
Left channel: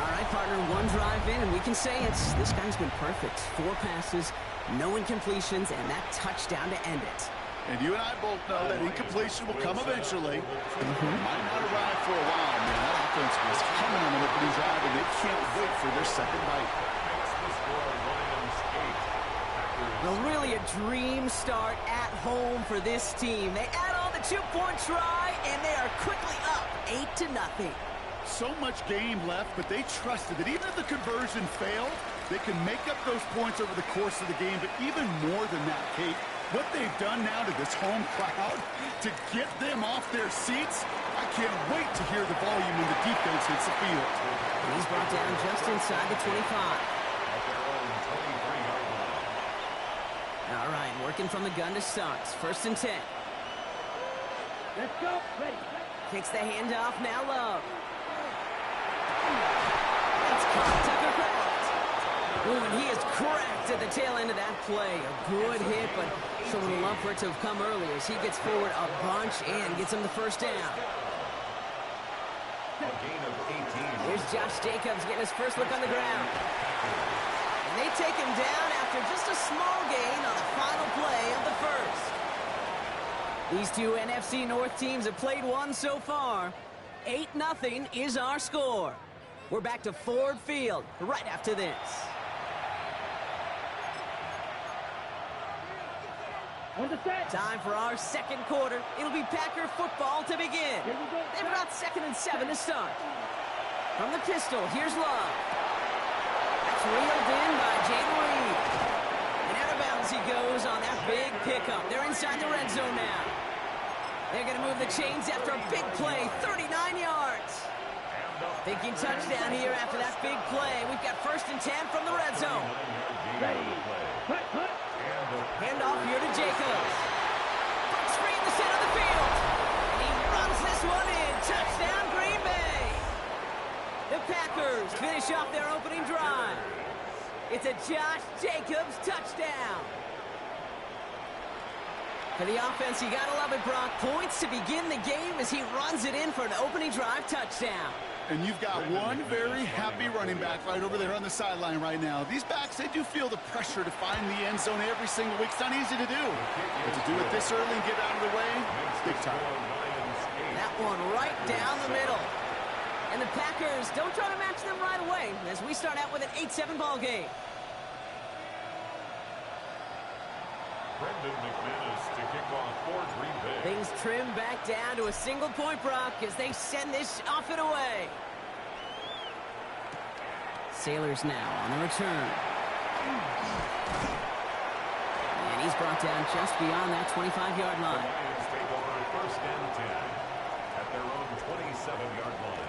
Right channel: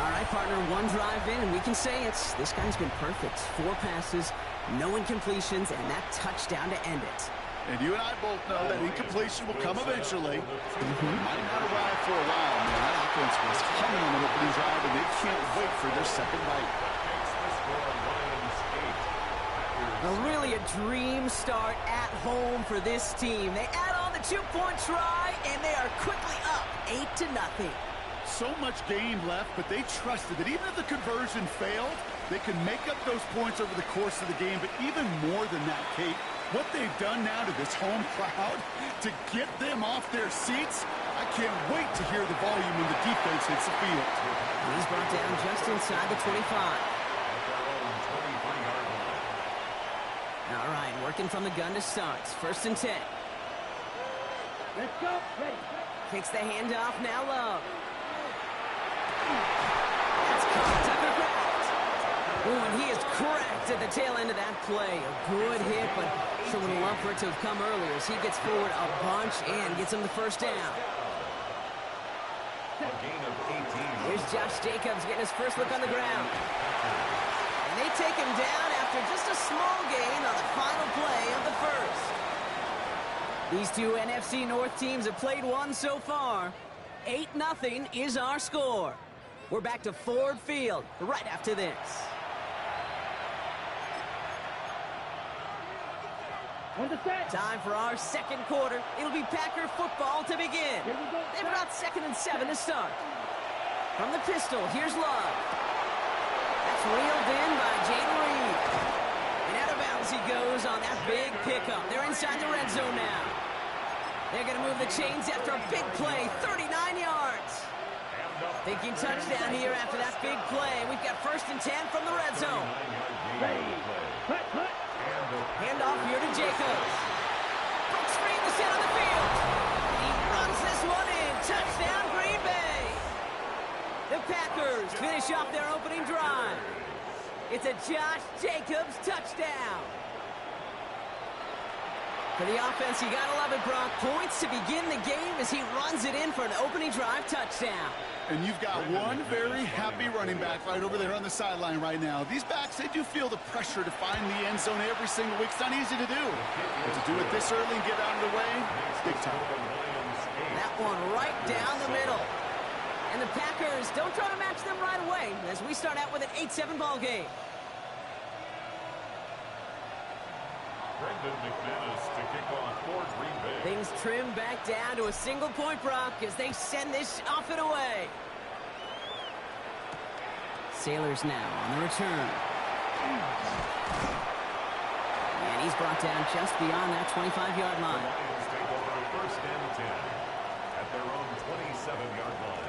All right, partner, one drive in, and we can say this guy's been perfect. 4 passes, no incompletions, and that touchdown to end it. And you and I both know that incompletion will come eventually. It might not arrive for a while, man. That offense was humming on the opening drive, and they can't wait for their second bite. Well, really a dream start at home for this team. They add on the 2-point try, and they are quickly up 8-0. So much game left, but they trusted that even if the conversion failed, they can make up those points over the course of the game. But even more than that, Kate, what they've done now to this home crowd to get them off their seats, I can't wait to hear the volume when the defense hits the field. And he's brought down just inside the 25. All right, working from the gun to start. First and 10. Let's go. Ready. Kicks the handoff, now Love. That's caught, Tucker Kraft. Ooh, and he is cracked at the tail end of that play. A good hit, but sure would love for it to have come earlier as he gets forward a bunch and gets him the first down. Here's Josh Jacobs getting his first look on the ground. And they take him down after just a small gain on the final play of the first. These two NFC North teams have played one so far. 8-0 is our score. We're back to Ford Field right after this. Time for our second quarter. It'll be Packer football to begin. They've got 2nd and 7 to start. From the pistol, here's Love. That's reeled in by Jaden Reed. And out of bounds he goes on that big pickup. They're inside the red zone now. They're going to move the chains after a big play, 39 yards. Thinking touchdown here after that big play. We've got 1st and 10 from the red zone. Handoff here to Jacobs. Breaks free in the center of the field. And he runs this one in. Touchdown, Green Bay. The Packers finish off their opening drive. It's a Josh Jacobs touchdown. For the offense, you gotta love it, Brock. Points to begin the game as he runs it in for an opening drive touchdown. And you've got one very happy running back right over there on the sideline right now. These backs, they do feel the pressure to find the end zone every single week. It's not easy to do. But to do it this early and get out of the way, it's big time. That one right down the middle. And the Packers don't try to match them right away as we start out with an 8-7 ball game. Brendan McManus to kick off for Green Bay. Things trim back down to a single point, Brock, as they send this off and away. Sailors now on the return. And he's brought down just beyond that 25-yard line. The Lions take over 1st and 10 at their own 27-yard line.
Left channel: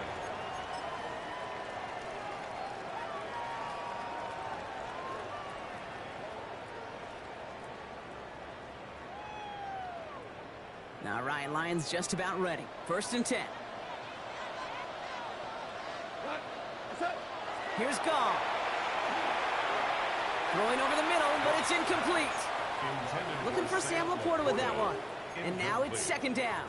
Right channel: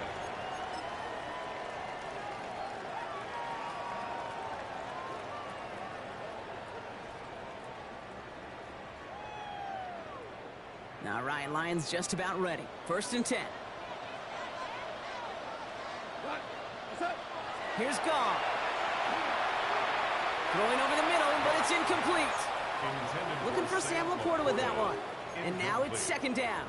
Now, Ryan, Lions just about ready. 1st and 10. Here's Gall. Throwing over the middle, but it's incomplete. Looking for Sam Laporta with that one. And now it's 2nd down.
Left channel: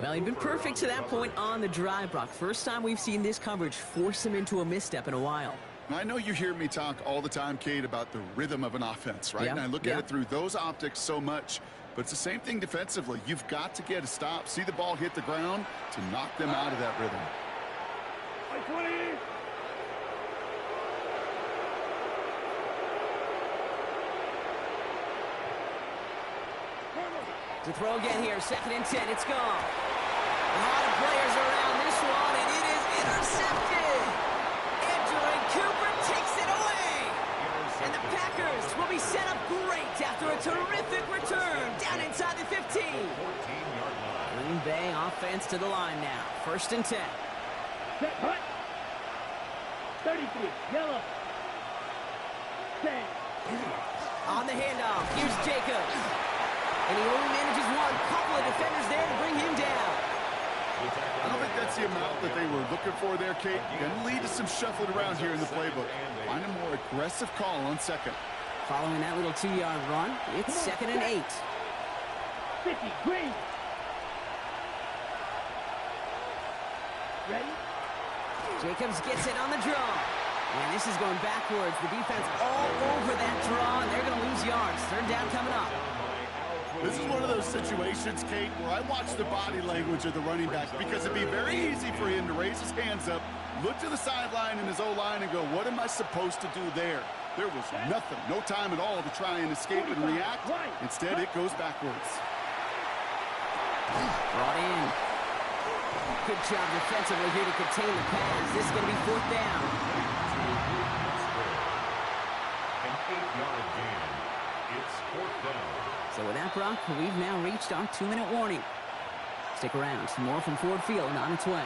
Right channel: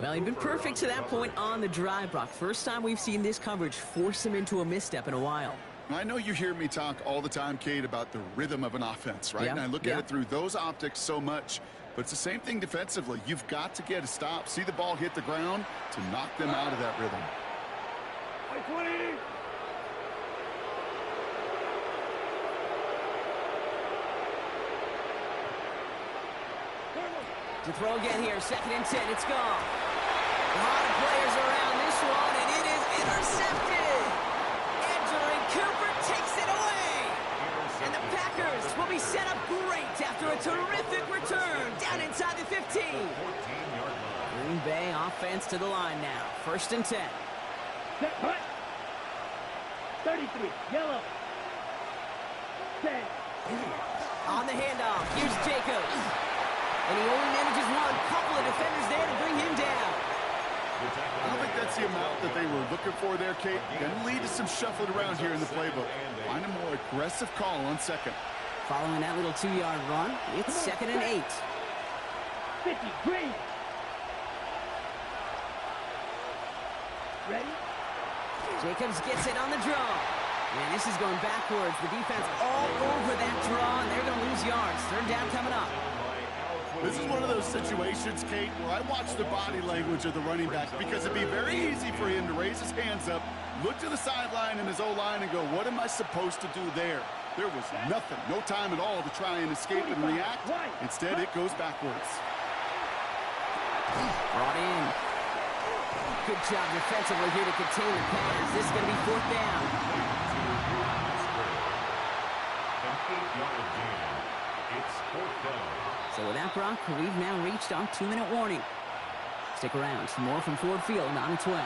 Well, he'd been perfect to that point on the drive, Brock. First time we've seen this coverage force him into a misstep in a while. I know you hear me talk all the time, Kate, about the rhythm of an offense, right? Yeah. And I look at it through those optics so much. But it's the same thing defensively. You've got to get a stop, see the ball hit the ground to knock them out of that rhythm. 20. To throw again here, 2nd and 10, it's gone. A lot of players around this one, and it is intercepted. Edgerrin Cooper takes it away. And the Packers will be set up great after a terrific return down inside the 15. 14-yard line. Green Bay offense to the line now. 1st and 10. Set, hut. 33, yellow. 10. On the handoff, here's Jacobs. And he only manages one. Couple of defenders there to bring him down. I don't think that's the amount that they were looking for there, Kate. Going to lead to some shuffling around here in the playbook. Find a more aggressive call on 2nd. Following that little 2-yard run, it's 2nd and 8. 50, green. Ready? Jacobs gets it on the draw. And this is going backwards. The defense all over that draw, and they're going to lose yards. 3rd down coming up. This is one of those situations, Kate, where I watch the body language of the running back because it'd be very easy for him to raise his hands up, look to the sideline in his O-line and go, what am I supposed to do there? There was nothing, no time at all to try and escape and react. Instead, it goes backwards. Brought in. Good job defensively here to contain the pass. This is going to be 4th down. An 8-yard gain. It's 4th down. So with that, Brock, we've now reached our 2-minute warning. Stick around. Some more from Ford Field on its way.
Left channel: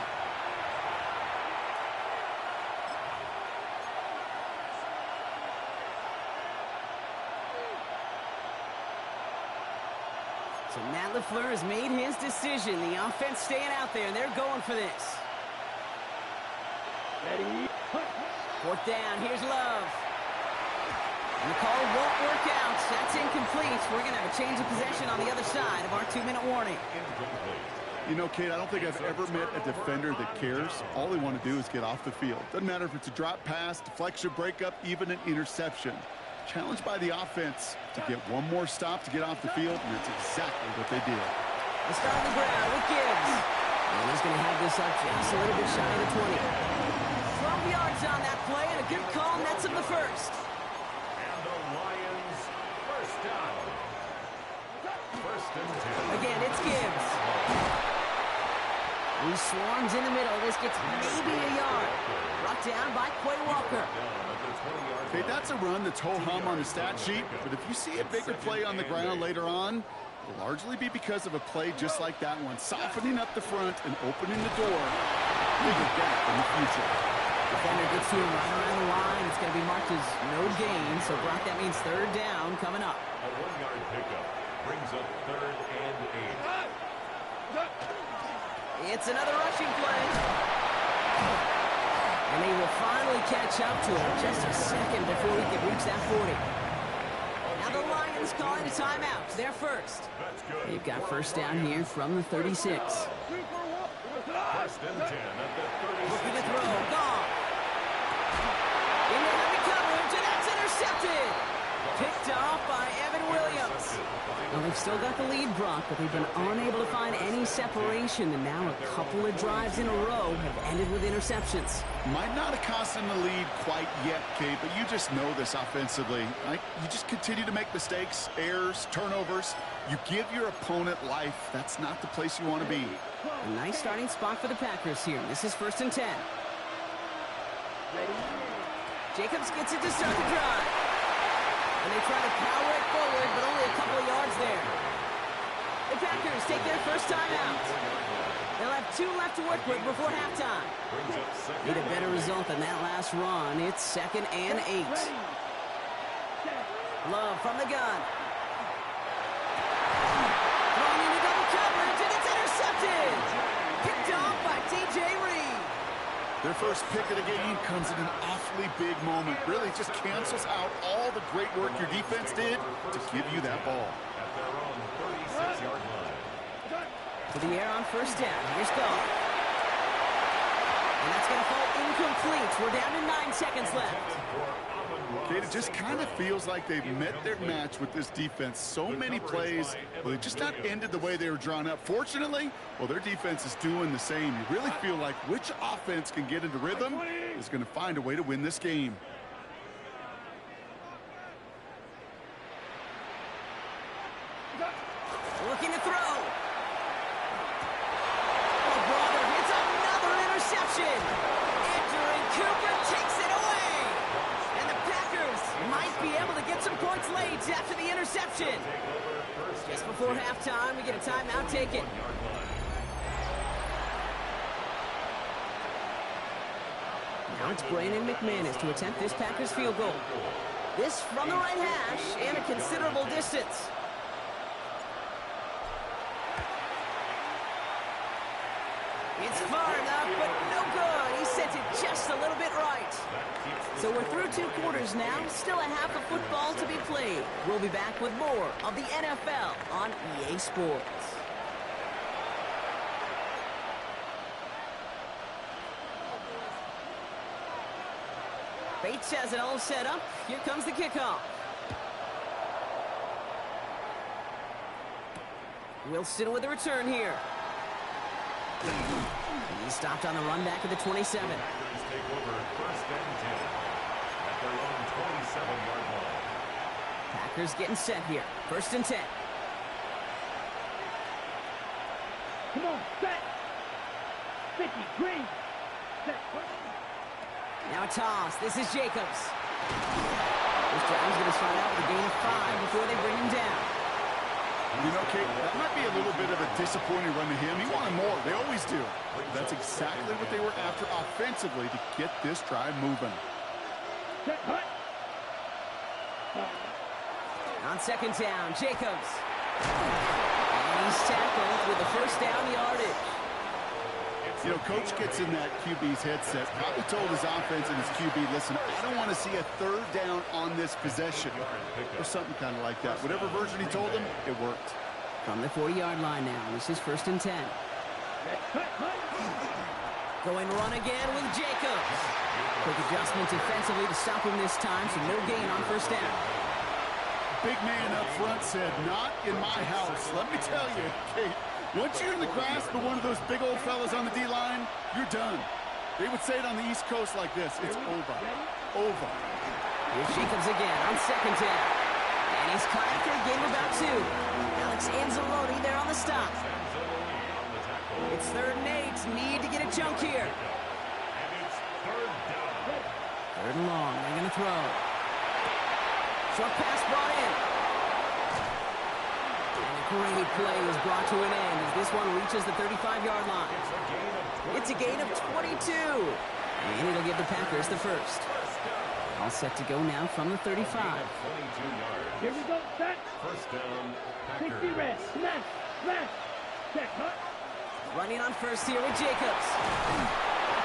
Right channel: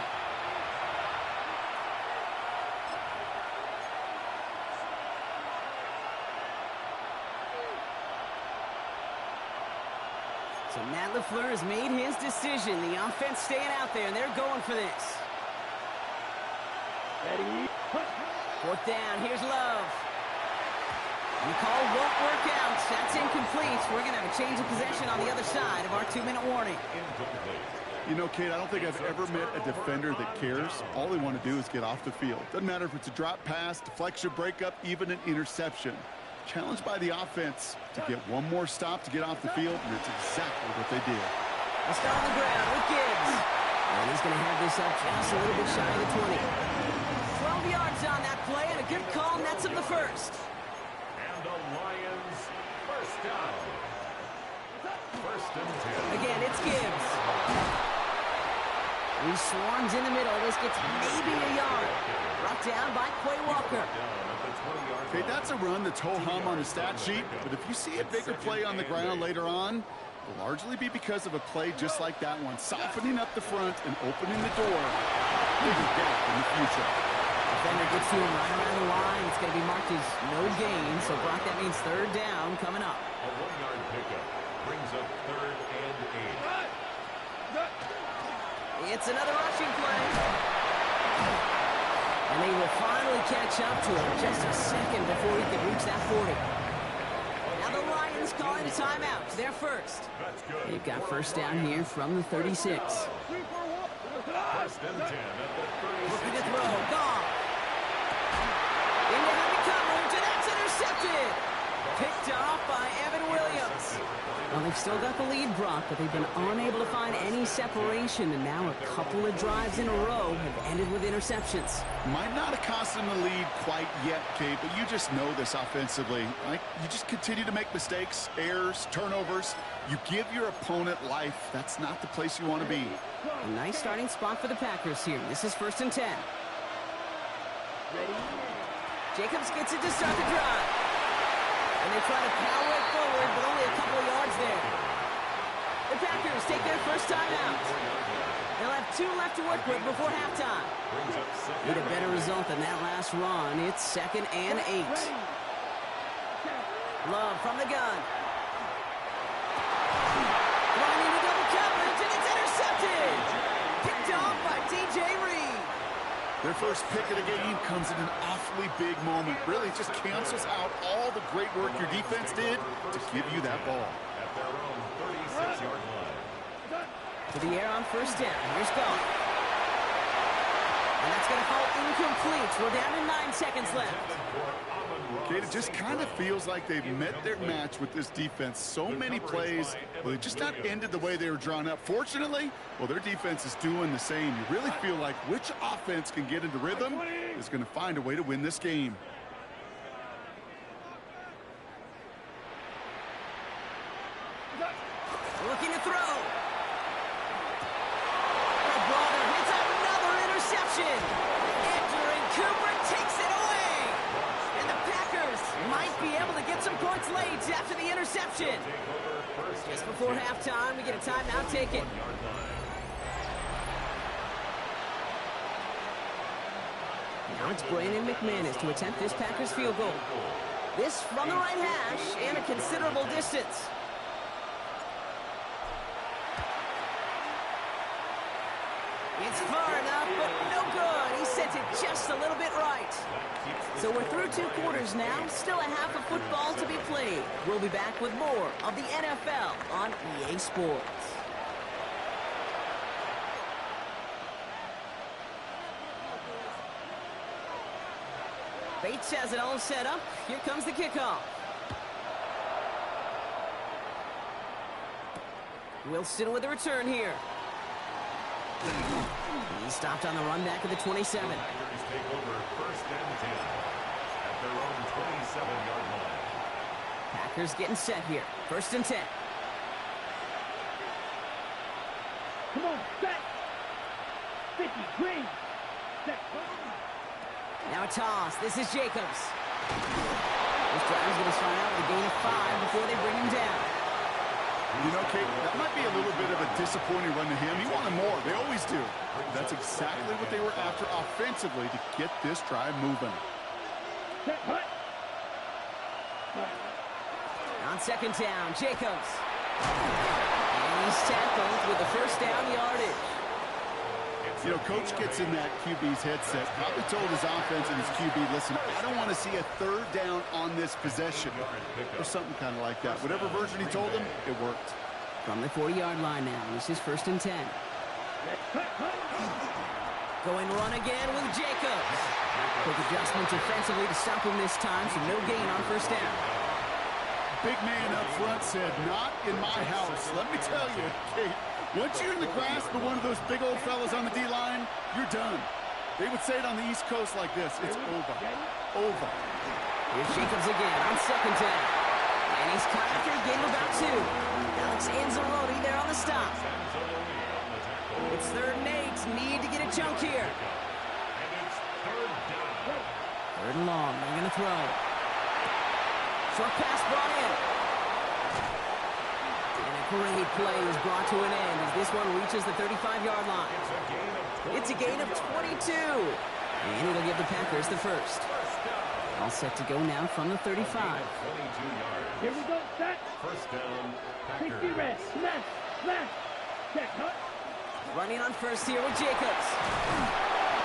So Matt LaFleur has made his decision. The offense staying out there, and they're going for this. Ready? Hut. 4th down. Here's Love. And the call won't work out. That's incomplete. We're going to have a change of possession on the other side of our 2-minute warning. Incomplete. You know, Kate, I don't think I've ever met a defender that cares. All they want to do is get off the field. Doesn't matter if it's a drop pass, deflection, breakup, even an interception. Challenged by the offense to get one more stop to get off the field, and that's exactly what they did. They'll start on the ground with Gibbs. And he's going to have this up just a little bit shy of the 20. 12 yards on that play, and a good call nets him the first. And the Lions first down. First and 10. Again, it's Gibbs. He swarms in the middle. This gets maybe a yard. Brought down by Quay Walker. Okay, that's a run that's ho-hum on the stat sheet, but if you see a bigger play on the ground later on, it'll largely be because of a play just like that one, softening up the front and opening the door. Bigger gap in the future. Defender gets to him right around the line. It's going to be marked as no gain, so Brock, that means third down coming up. A 1-yard pickup brings up 3rd and 8. It's another rushing play. And they will finally catch up to him just a second before he can reach that 40. Now the Lions calling a timeout. They're first. They've got first down here from the 36. First and 10 at the 36. Looking to throw. Gone. Into heavy coverage, and that's intercepted. Picked off by Evan Williams. Well, they've still got the lead, Brock, but they've been unable to find any separation, and now a couple of drives in a row have ended with interceptions. Might not have cost them the lead quite yet, Kate, but you just know this offensively. Right? You just continue to make mistakes, errors, turnovers. You give your opponent life. That's not the place you want to be. A nice starting spot for the Packers here. This is 1st and 10. Jacobs gets it to start the drive. And they try to power it forward, but only a couple of yards there. The Packers take their first time out. They'll have 2 left to work with before halftime. Need a better result than that last run. It's 2nd and 8. Love from the gun. Throwing into double coverage, and it's intercepted. Picked off by DJ Reed. Their first pick of the game comes in an awfully big moment. Really just cancels out all the great work your defense did to give you that ball. At their own 36-yard line. To the air on first down. Here's Goff. And that's going to fall incomplete. We're down to 9 seconds left. Kate, it just kind of feels like they've met their match with this defense. So many plays, well, they just not ended the way they were drawn up. Fortunately, well, their defense is doing the same. You really feel like which offense can get into rhythm is going to find a way to win this game. Looking to throw. Oh, brother, it's another interception. Entering Cooper takes it away. And the Packers might be able to get some points late after the interception. Just before halftime, we get a timeout taken. Now it's Brandon McManus to attempt this Packers field goal. This from the right hash and a considerable distance. It's far enough, but no good. He sent it just a little bit right. So we're through 2 quarters now. Still a half of football to be played. We'll be back with more of the NFL on EA Sports. Bates has it all set up. Here comes the kickoff. Wilson with the return here. He stopped on the run back at the 27. Packers take over 1st and 10 at their own 27-yard line. Packers getting set here. 1st and 10. Come on, set. 50, green. Set. Now a toss. This is Jacobs. This drive is going to start out with a gain of 5 before they bring him down. You know, Kate, that might be a little bit of a disappointing run to him. He wanted more. They always do. That's exactly what they were after offensively to get this drive moving. Set, hut. On 2nd down, Jacobs. And he's tackled with the first down yardage. You know, Coach gets in that QB's headset, probably told his offense and his QB, listen, I don't want to see a 3rd down on this possession. Or something kind of like that. Whatever version he told him, it worked. From the 40-yard line now, this is 1st and 10. Going run again with Jacobs. Quick adjustment defensively to stop him this time, so no gain on 1st down. Big man up front said, not in my house. Let me tell you, Kate, once you're in the grasp of one of those big old fellas on the D-line, you're done. They would say it on the East Coast like this. It's over. Over. Here's Jacobs again on 2nd down. And he's caught after a game of about 2. Alex Anzalone there on the stop. It's 3rd and 8. Need to get a chunk here. And it's 3rd down. 3rd and long. They're going to throw. Short pass brought in. And a great play is brought to an end as this one reaches the 35-yard line. It's a gain of 22. And it'll give the Packers the first. All set to go now from the 35. Here we go, set. 1st down, 60 Packers. red. Smash, smash. Set, hut. Running on first here with Jacobs.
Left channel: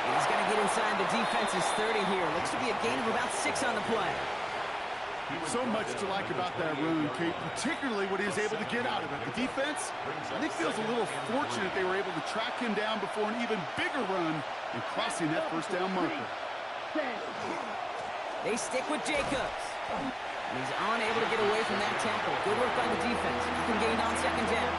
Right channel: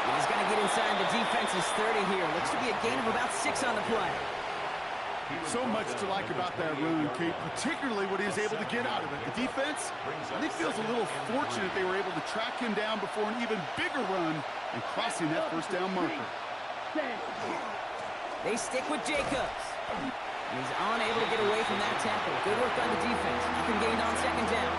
And he's going to get inside the defense's 30 here. Looks to be a gain of about 6 on the play. So much to like about that run, Kate, particularly what he was able to get out of it. The defense, I think, feels a little fortunate they were able to track him down before an even bigger run and crossing that 1st down marker. They stick with Jacobs. And he's unable to get away from that tackle. Good work by the defense. Nothing gained on 2nd down.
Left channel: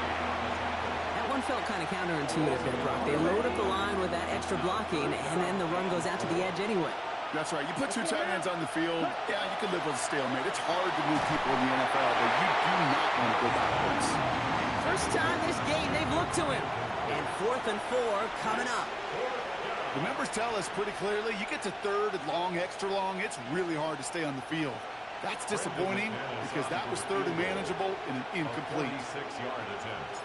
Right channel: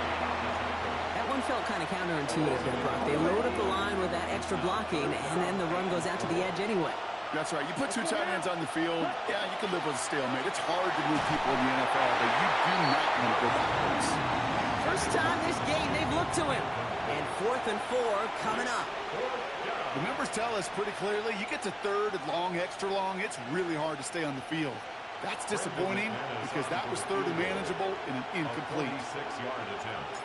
That one felt kind of counterintuitive there, Brock. They load up the line with that extra blocking, and then the run goes out to the edge anyway. That's right. You put 2 tight ends on the field, yeah, you can live with a stalemate. It's hard to move people in the NFL, but you do not want to go backwards. First time this game they've looked to him. And 4th and 4 coming up. The numbers tell us pretty clearly, you get to 3rd and long, extra long, it's really hard to stay on the field. That's disappointing because that was 3rd and manageable and an incomplete. 46-yard attempt.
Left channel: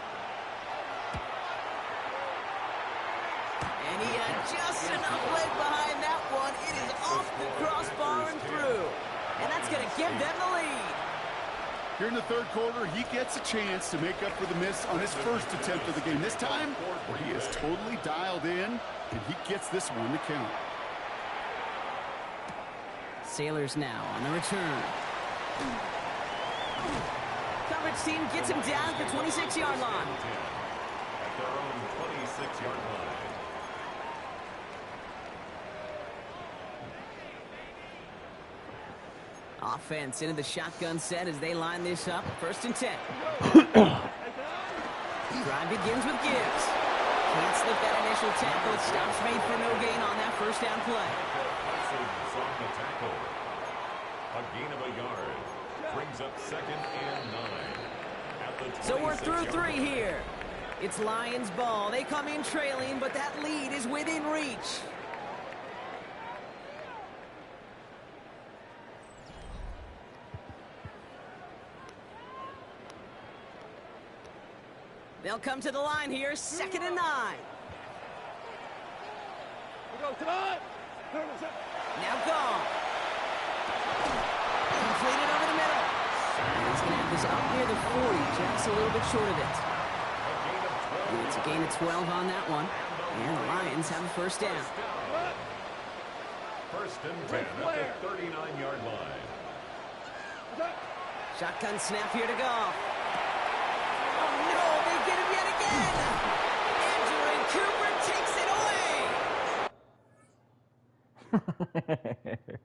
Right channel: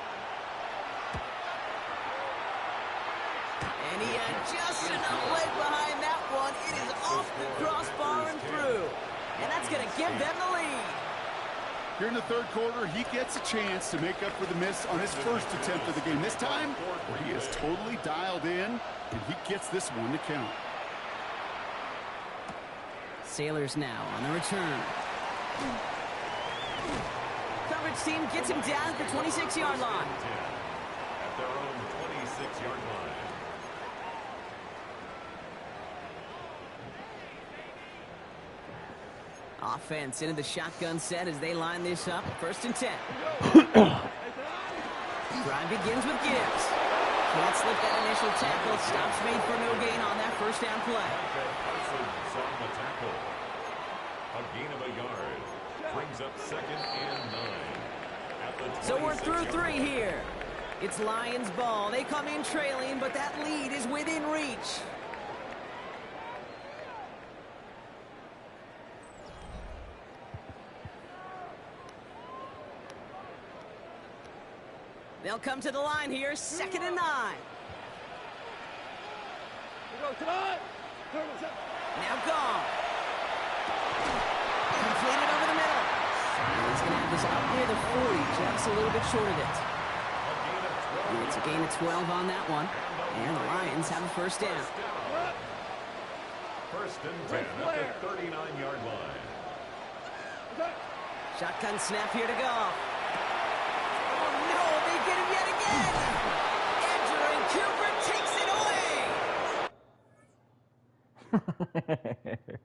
And he had just enough leg behind that one. It is off the crossbar and through. And that's going to give them the lead. Here in the 3rd quarter, he gets a chance to make up for the miss on his 1st attempt of the game. This time, where he is totally dialed in, and he gets this one to count. Sailors now on the return. Coverage team gets him down at the 26-yard line. At their own 26-yard line. Offense into the shotgun set as they line this up. 1st and 10. Drive begins with Gibbs. Can't slip that initial tackle. Stops made for no gain on that 1st down play. Parsons on the tackle. A gain of a yard. Brings up 2nd and 9. At the So we're through 26-yard 3 line. here. It's Lions ball. They come in trailing, but that lead is within reach. They'll come to the line here, 2nd and 9. We go tonight. Now gone. Completed over the middle. And he's going to have this up near the 40, just a little bit short of it. And it's a gain of 12 on that one. And the Lions have a 1st down. 1st and 10 at the 39-yard line. Shotgun snap here to go. Oh, no, they get him yet again. Andrew and Cooper takes it away.